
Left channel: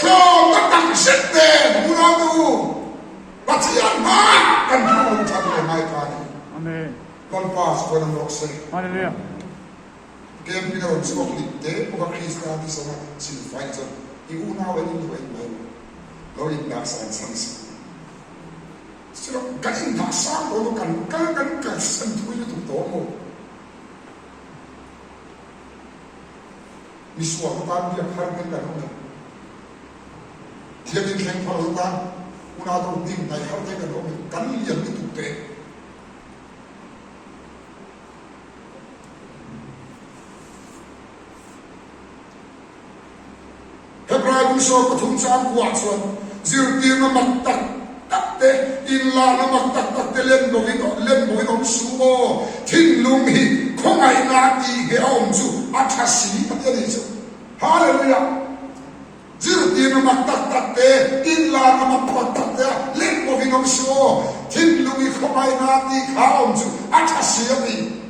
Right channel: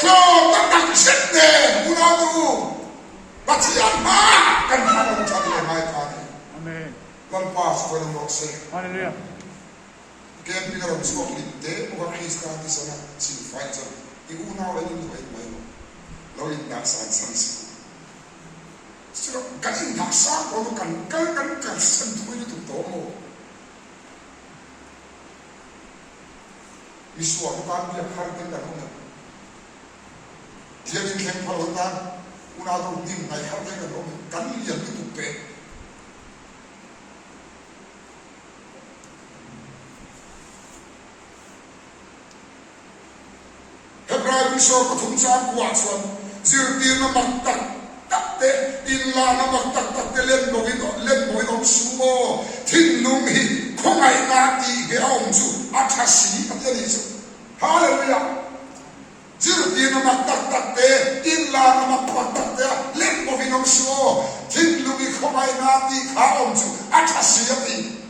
so ta ta sit de mu na tu Batian ma kan kita cari mai kan. Amen. Lepas orang rokse. Haleluya. Kian pinang sebab lite, bukan Krista di sana silfai je. Ibu nawa ni tu mai. Lalu nak sanksi. Sila kan nasa kalau kan sentuh itu tomo. Miswa kan dia harga kan. Dia ni kan perutan. Una do tim nai har de kan om kan lian tu pe Hebraic so ko thum sam kwa son zir ti na mak tak te in la na mak tak te len bo om su o thin lung hi khong ai na ti he om su athasi ta ni su hallelujah Zirti na magtaktak te, inla na magpagtak te, lempo vinongso, tinlungi kumay nati kaom su, at hasiyati.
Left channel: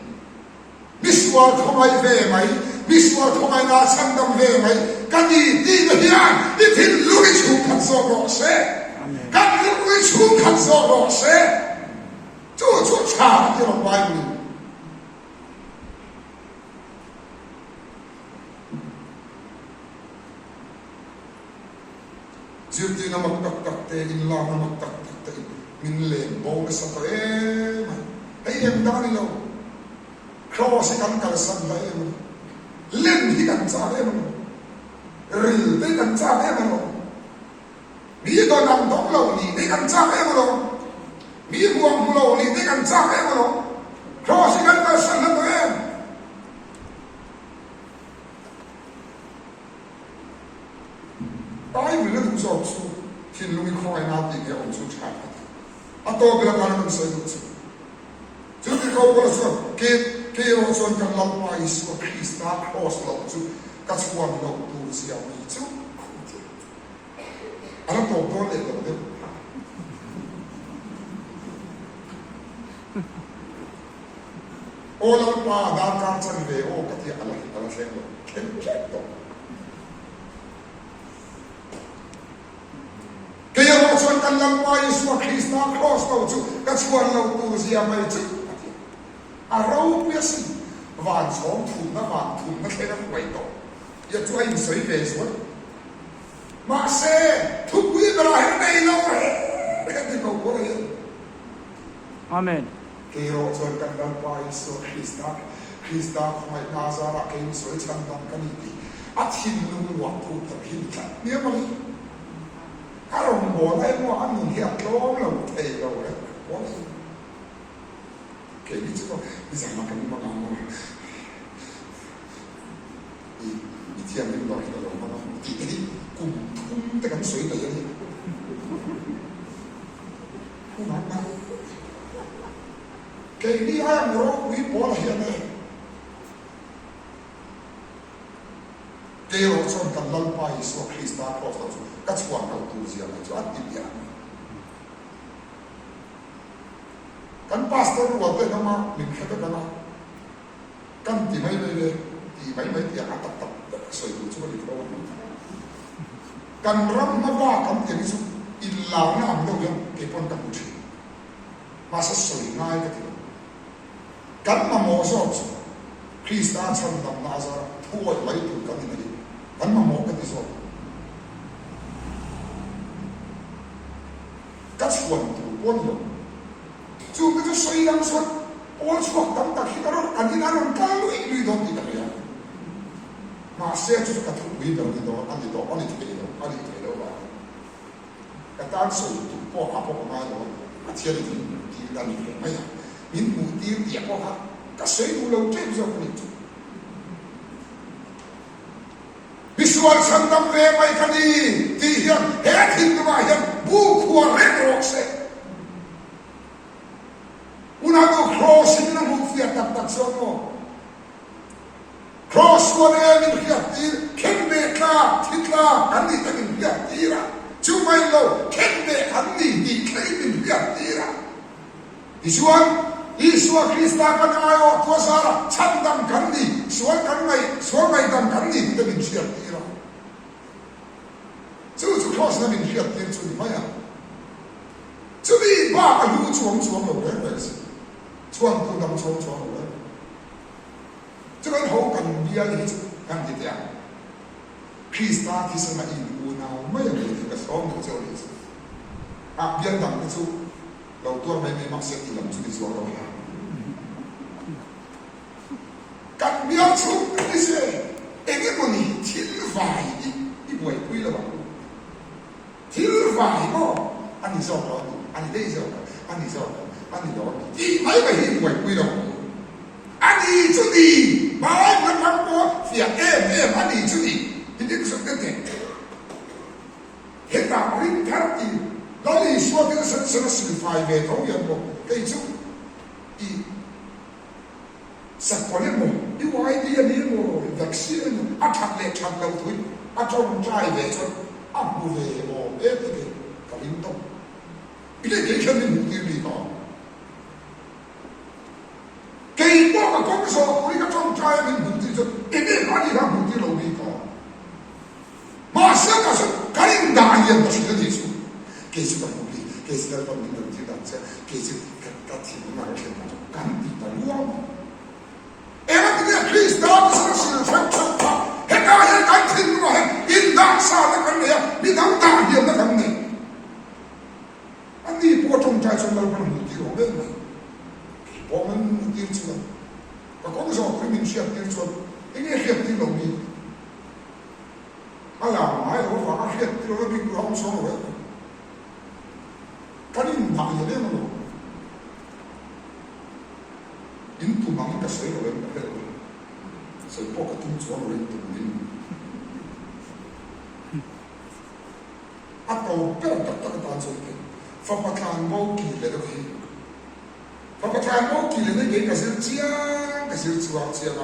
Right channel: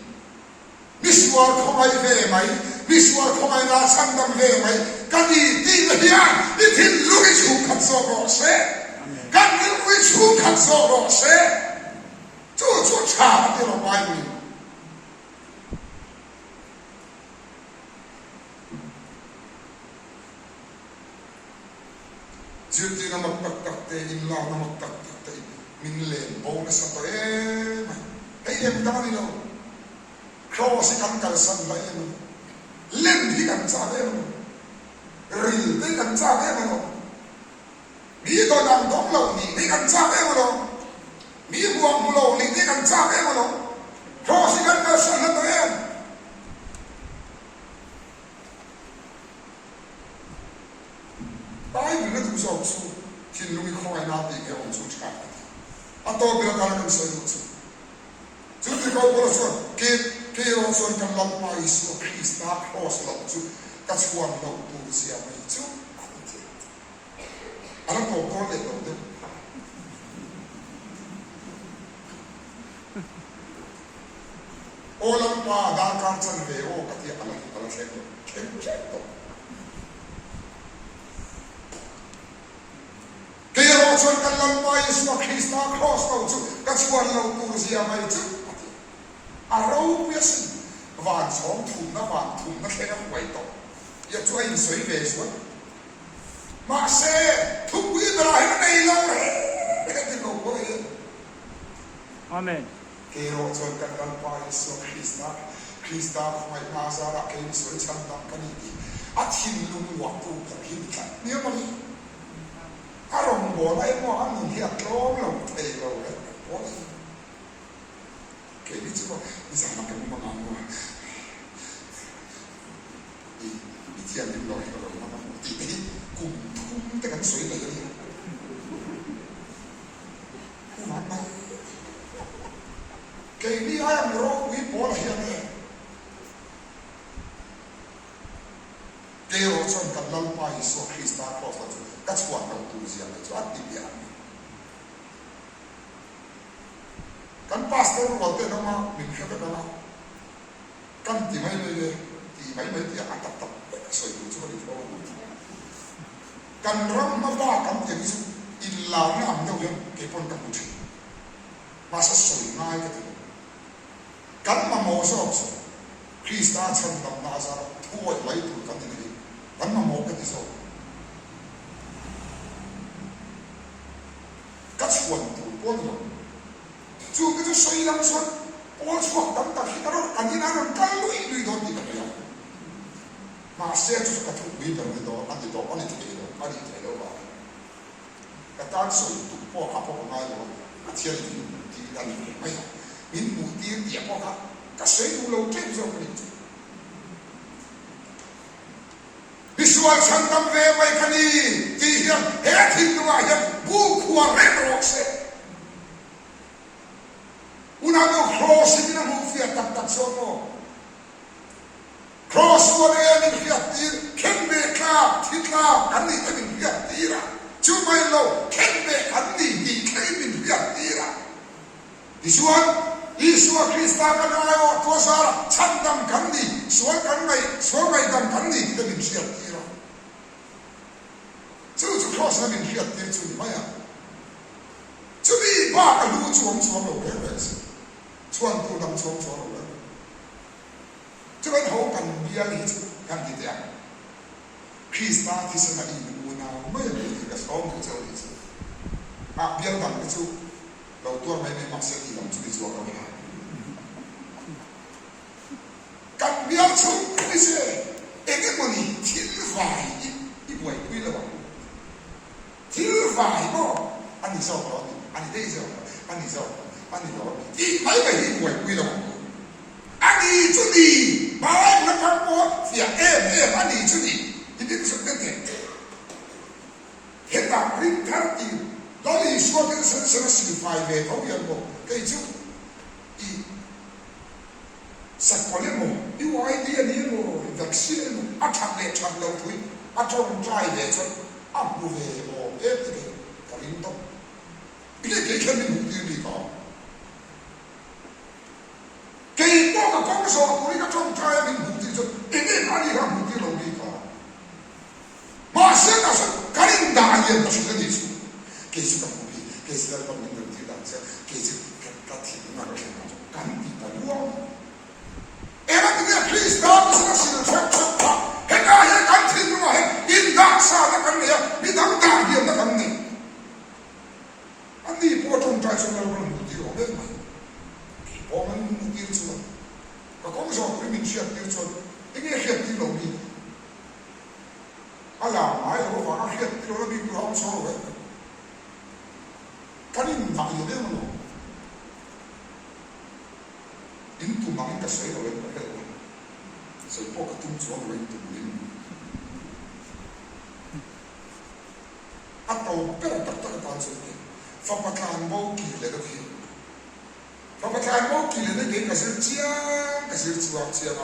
Miswar kumay vemay, miswar kumay na sandam vemay, kani di na hiyan, itinlungi chukat so rose, kanilungi chukat so rose, chuchu cha, di na Bible. Zirti na magtaktak te, inla na magtaktak te, minlen, bonus na to, ay da nilo. Cross kan kalsan la len hi kan sa ril te kan sa mi do nam dong lo ni kan sa mi buang lo ni kan sa cross kan kalsan na to Tayo bila tu sa okso, tinlungi ko ay natin kaya okso tsaka. Ato bila tayo kang sa okso. Jadi kau pula so, kaya okso kan lampai so Krista cross lo okso, kasuan lo tu siya mo ito. Alam ko ko le lo de. Olam pa dan kan san ve o kati ala sa ko. Kento. Kaya rokson kan lampai so Krista cross lo okso, kasuan lo tu siya mo ito. Araw piyasi, van song thun na kaya huwag ito. Ya tuwa yung soy beso. Makse, tuwi darahin na ilaw Kaya ko po yan. Amen. Kaya rokson kan lampai so Krista kumay nasara kayo soy sandang kaniti. At hinlumuwa to paghintan. Niya mali. Karong mo ay mo anong hiyaklong lang tayo. Kaya dito ko, isama kami mga mo. Itiyan yung lord na mga mo. Titi, kung tekan soy na yan. Kumama. Kaya di ayang ro, wipo na yan eh. Kaya ro, son kalalpay so Krista ko. Katswa na utuzi yan. At dibiyan. kan pastor wa te no ma min khata kala kan ti mai le ti mai ti atak tak soi ku chu ni fo kan ram ma ba kan ti su illa na am do yom ke pon ta ku chi ma sa soi ngai ka ti kan ma mo so Krista chan dam na za thoi lai tu kan ni kan ma mo ka ti so ka chuan tu pon lo chu cái suy lắm suốt ôi suốt tấm cả khi cái đó anh đi ăn cái lưỡi đó thì cái gì mà xe chú cái thùng lưỡi đó anh đi đó anh đi thế đó vào cái tan suy tụ bỏ hấp bỏ ngay đó cái thiên thì là gì mấy à những mùi tiên đẹp quá khác cái suy đủ lâu chết rồi cái gì visual sản phẩm về mấy cái gì thì hiện hết hình đó mà hiện bu khoa red rock sẽ Unago cross in the movie at that sono. Cross one in Fiatir, Kembe Ka, Titla, and the in Fiatira. Chumailo, Kembe, and the claim in Fiatira. This one is what Krista Kanayo, Tosara, Chandam Kandi, Swanai Dam Kandi, the in Fiatira. So to cross them in Fiatir to Maya. To be back and do to awareness. ช่วงตัวดำช่วงเลยจะเป็นเขากันเบียร์ลิจกันที่เดียคริสต์ที่สมัยอูนาวไม่มีกับสองตัวเจ้าลิจเบียร์ดำที่สุดเราตัวไม่มักเสียทีลำจุดที่สองเรากันเบียร์ชุดนี่สิเอ็งก็มันทิ้งไฟอีบ่อยคุยแล้วบ้างทิ้งไฟก็อันนี้ชอบเราอันนี้ได้ชอบอันนี้ชอบอันนี้เราที่ไม่ไปหิ้งไว้คุยเราอันนี้จุดนี้มาไอ้พนักงานก็เสียอันนี้จุดนี้ที่นี่สุดกันเองเห็นตาริมทัศน์เราลีสวดกันเสร็จสิ่งไฟเวทเขาอย่างบอกไอ้จุดอีสักคนเนี่ยมั้งอีวายดีอันนี้มั้งวัคซีนอัดชัดเลยชัดเราถุยอัดจงใจเวทจนอับเวทโอ้เอ๊ะที่กลิ่นต้องอีเด็กแค่ไม่รู้ดีดีก่อนKei po ka kong so ko ina trong chai min bu ti so ine pa ni ra bu ti lo ni ko ma sa ka so kain da yen to shi ni su ke su ka bu ti ke su ka min da ti da sa ke su ka ti na ro shi na kan ti ta luo era ti ya Krista sa shi na cha cha he ka he kan ti no he in da sa da kan ne mi dang da yen da kan ne ani po trong chai so lo ko bu ti ro le我们丢出来，我讲说对面需要丢出，应该需要丢路面。啊，买我话需要丢路面，我讲说了，看你唔大嘢咧嘛咯，印度人应该水路咧，所以包括中国人都唔啊，到标特特嘅單數嘅，發不攤冇見嚟到佢。Kalau kita mau kiri ni kita kasih cuak cian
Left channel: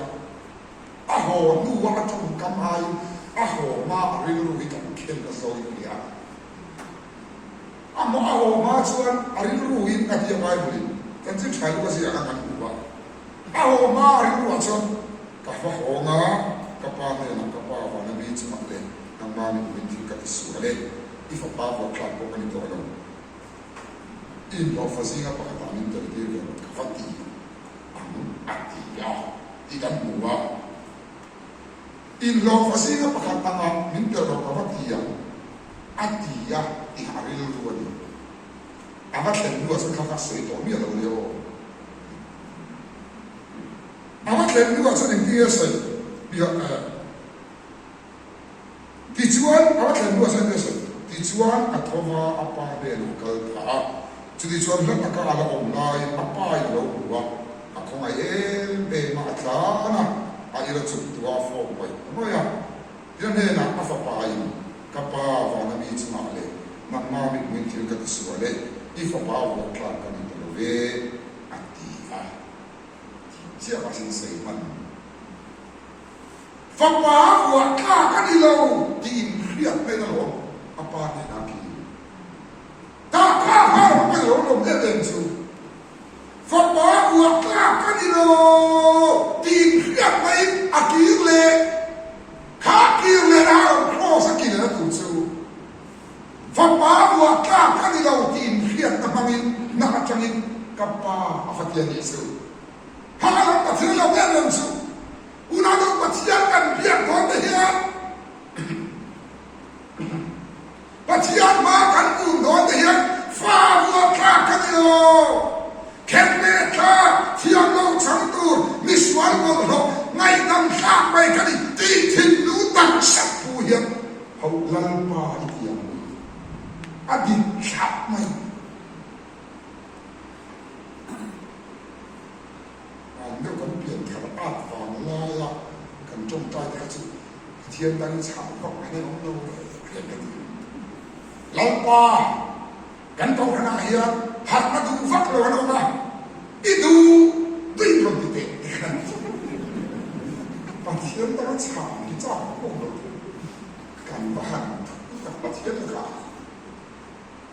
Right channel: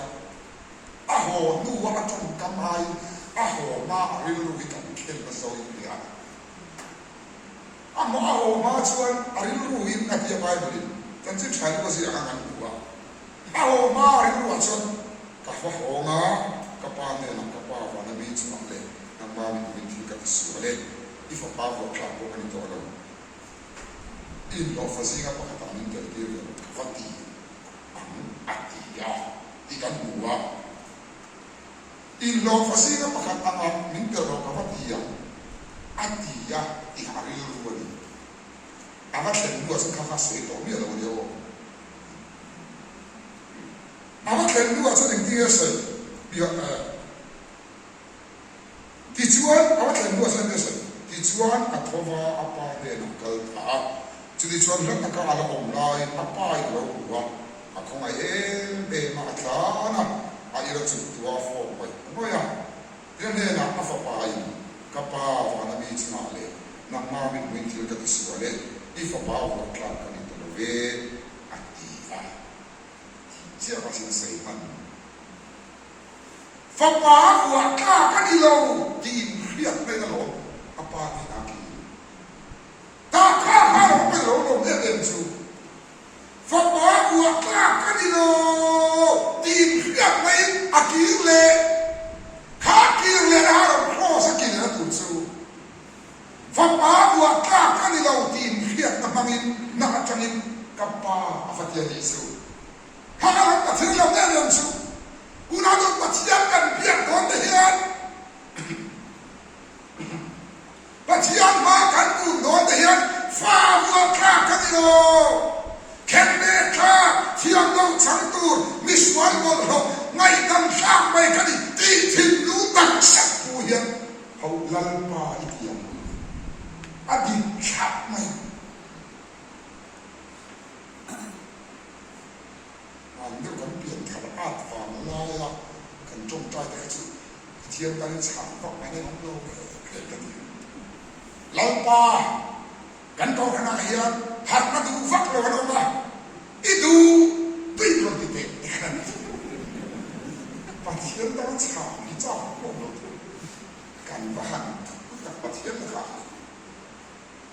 aho dua macam kamai aho ma arilu ikan kel nasau ini ya aho ma cuan arilu ini kat dia baik boleh tentu cari kasih akan dua aho ma arilu macam kahwa honga kapane nak kapwa nabi cuma le nama ni binti kat suale ifa bawa kelapa kan itu orang in lo fazinga pakatanin terdir kafati atiya ikan buwa in lo fazinga pakatanga minter lo kafatiya atiya di hari lu ni amat len dua sa kafasoi to mi lo leo amat len dua sa ding dia sai biar tijuan amat len dua sa dia sai tijuan atova apa de lokal ta jadi cuan nak ada online apa yang lalu aku ngajem macam mana ada tua for boy apa ya dia ni nak apa kapal mana ni cuma le nak mami mungkin kat suale if apa buat kelak kan itu le aktiva siapa sih seiman fapa buat kelak kan itu di lihat pedalo apa ni nak tak kau apa lo lo dia tentu กิโลตีนเรียกไม่อากิเลขากิเลนะโคสกิเลนะตุสูฟังมาบัวข้ากันนี่เราตีนเรียกนักมินนักจังอินกับปาอาฟัตยานิสูหากเราปัจจัยเราแน่นอนสูอุณาดูปัจจัยกันเพียงคนเดียวปัจจัยมากันกุนโดนเดียวฟ้าบัวข้ากันนี่เราแค่เมฆาเที่ยงเราฉันตูมิสวรรค์หมดเราไงดังข้าไปกันนี่ตีทิ้งนู้ดังสักผู้เหี้ยเขาลังมาอีกอย่างอดีตชักไหมเมื่อคนเปลี่ยนคำอาฟังลายละกันจงใจแต่จุดเทียนดังฉาบก็ไม่ได้ของเราเพียงกันเราป่ากันกองขนาดเฮียหักมาดูฟักเราวันนั้นมาอีดูตีลงติเตะกันปะเทียนดังฉาบที่จ้าของเรากันบ้านกับปะเทียนละ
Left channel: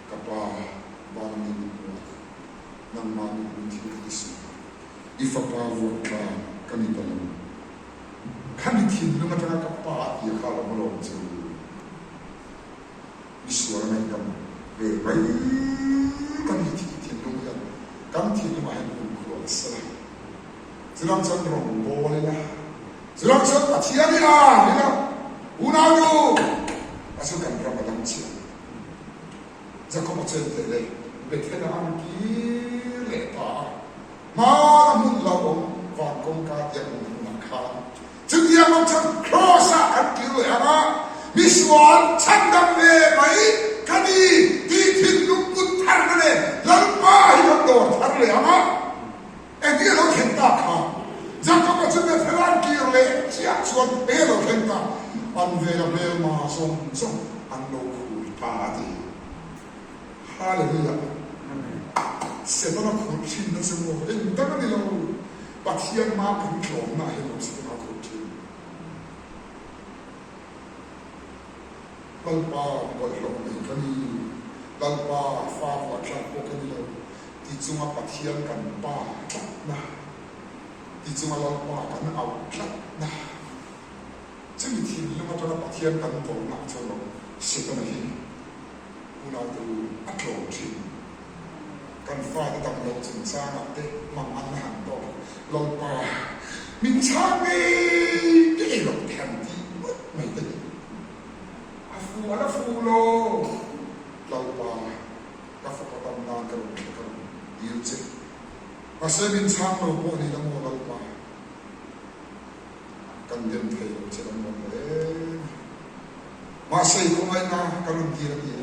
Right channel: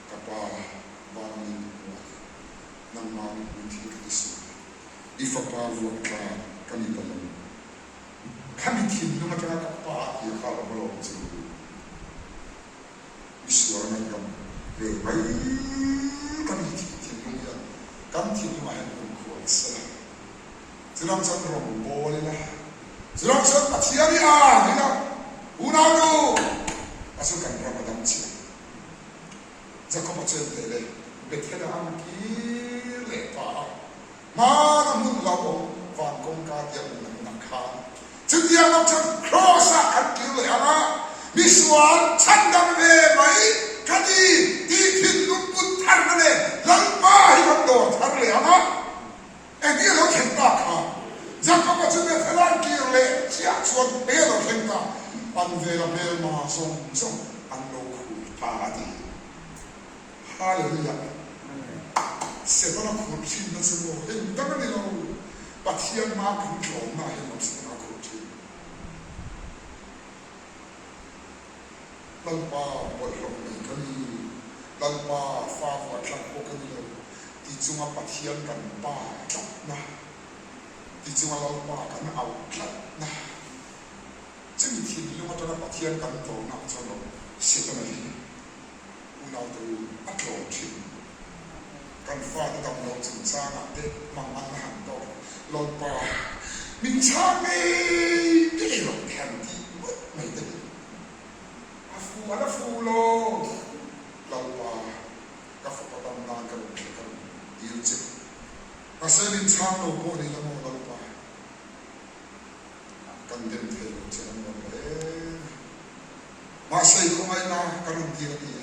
กับว่าบางมินนั่งมาในพื้นที่ที่สุดอีฟ้าป่าวัวกลางกันอีกแล้วข้ามีทีมลงมาจากกับป่าที่ข้าเราไม่ลงจะมีส่วนนั้นกันไปกันมีทีมลงยันกันทีมมาให้ผมขวดสละจะลองสันรองโบเลยนะจะลองสันปัจจัยนี่อ่ะนี่นะอุณาดูอาศัยกันประมาณนี้จะเข้ามาเจอเลยเบ็ดเท่านั้นกี่เล่ป่ามาทำมุ่งเราฟังกงการยังนักข่าวจึงยังต้องฉันครอสอันกี่เลยนะมิสวานฉันดำเนินไหมคดีที่ทิ้งลุกกุนทันเลยหลังป้าให้กับโดนทันเลยนะเอ็งที่เราเห็นตาข่าวจะเข้ามาเจอเท่านั้นกี่เลยเสียส่วนเบลเราเห็นตาอันเวลาเบลมาส่งอันโลกุตาดีฮาเลลูยาเสร็จแล้วคนชินนั่นสมองตั้งแต่เราปัจจัยมาเป็นโฉมหน้าให้เราเสร็จแล้วคนชินลังปาบทลงในกันนี้ลังปาฟ้าฝนชันพวกกันนี้เลยที่จุงอาปัจจัยกันปาจับนะที่จุงอาลังปากันเอาจับนะจะมีทีนี้เราจะปัจจัยกันตัวนักชนเราเสร็จแล้วนี่อุณาดูอัตโนชินกันฟ้าที่ดำลงถึงช้างเด็กมังอันหันต่อลอยป่ามินช้างนี่ที่หลบแทนที่ไม่ได้อาฟูอะไรฟูโลลอยป่าก็ฟังตำนานกันเกี่ยวกับยิวจิอาศัยมินช้างโลโก้ในละโมลอยป่ากันเดินเที่ยวเชื่อมกันเลยมาใส่ของไอ้น่ากันรุ่นที่ระดี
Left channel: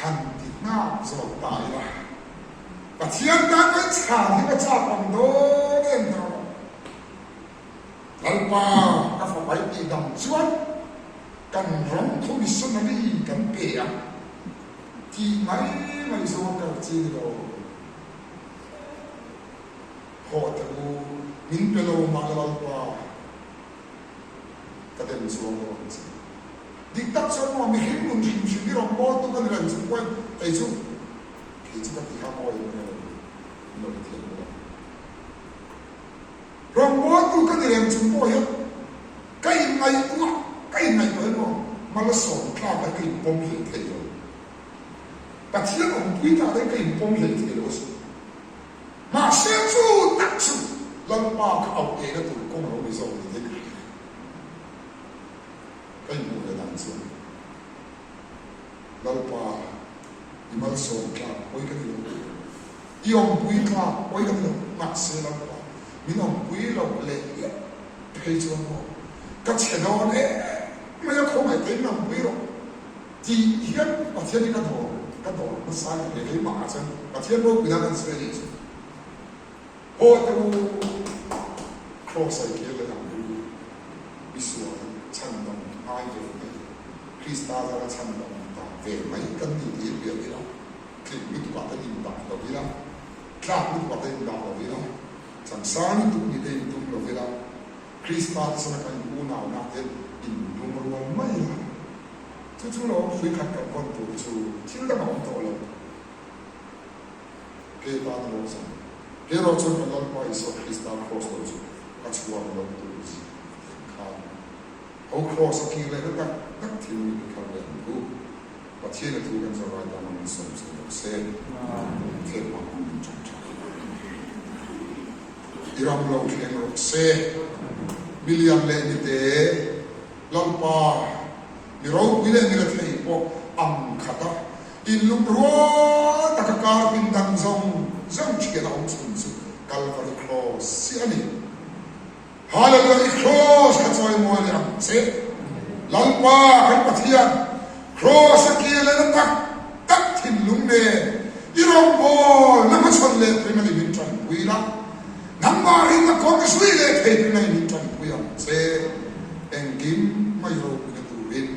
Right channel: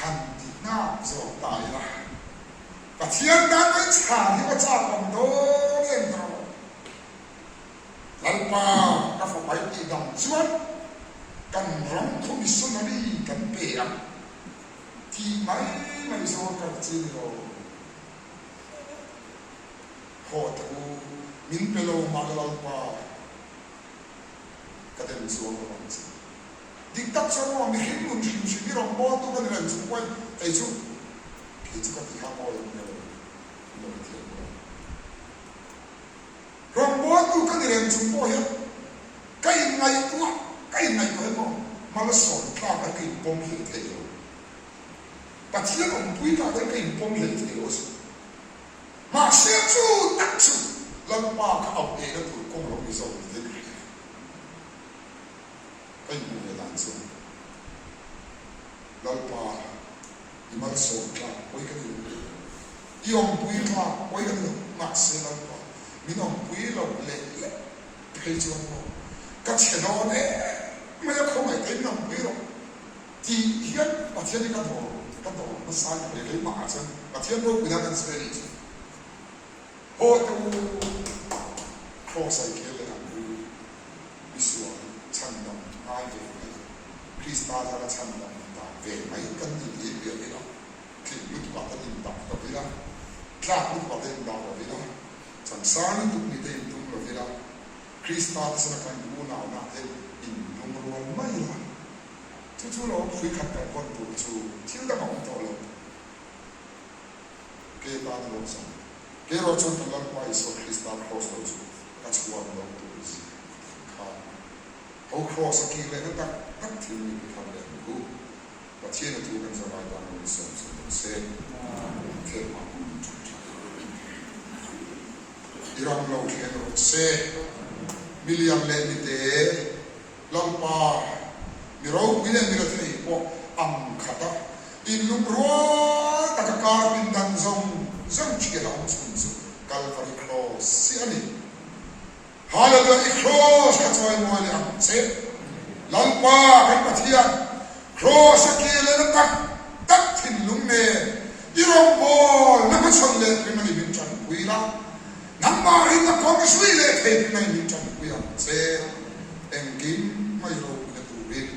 หันที่หน้าจบตายละปัจจัยนั้นเป็นสถานที่ประชาชนโดนเองเราหลังป่าก็ฝ่ายที่ดำชวนกันร้องทุมิสนาลีกันเปียที่ไม่สวมกับจีโร่โหดกูมินเปโลมาหลังป่าก็เดินสวมกับจีดิกตักสวมมีหินลุ่มชิมชิมิรองบอลตัวกันเรื่องสวยไอ้ชุที่จะกับที่ห้ามอยมันเลยเราไม่เที่ยวกันรองบอลตัวกันเรื่องสวยใกล้ในตัวใกล้ในตัวมันมาละสองข้าวไปกินปมเหตุเดียวแต่ที่เราคุยกันได้กินปมเหตุเดียวสิมาเสียชูตัดชูแล้วป้าเขาเอาเองแล้วถูกกงเราไม่ส่งที่ไหนก็อยู่ในนั้นส่วนแล้วป้าที่มันส่งข้าวไว้กันอยู่ยอมปุยข้าวไว้กันอยู่มาเสียแล้วป้ามีน้องปุยเราเละเพย์จวนว่าก็เชื่อเราเนี่ยไม่อยากคงให้เต็มน้องปุยหรอกที่เฮียนประเทศนี้ก็โดนมาสร้างอะไรมาจังประเทศเราไม่ได้กันเสียเลยโอ้ดูครอสไซเคิลเลยนะวิสุวรรณชั้นดำไอเดียคริสต์มาสอะไรชั้นดำต่างเวไม่กันดีเดียวนะคลิปลุกว่าได้ยินต่างตัวนี้นะคลาดลุกว่าได้ยินต่างตัวนี้นะสังสารลุกมีได้ยินตุ้มตัวนี้นะคริสต์มาสสมัยกูน่าเห็นอินลงรวมไม่ละจู่ๆเราคุยขัดกับคนตัวจู่ที่เราบอกตัวเราเกี่ยวกับเรื่องสม ke ro chon ka lal pa iso Krista cross lo chu ka chuan lo tu ji ka ho cross ki le ta ta tin ni ka le ku pa chien tu kan so ra ta ni so se ke ma ku chu cha iram lo thien ro se million le ni te lam pa mi ro mi le mi le thei po am khata in lu ro ta ka ka pin dan zong zong chi ke da om sun su Calvary cross si ani hallelujah cross ka choi mo le am se lam pa kan pathian cross ki le na tak tak thin lung ne irom bol na ma chon le pri mani bin chan wi la namma ring a kong sui le thei pri mani bin chan wi am se engim mai ro na tu rin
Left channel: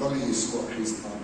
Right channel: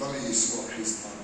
dali so Christian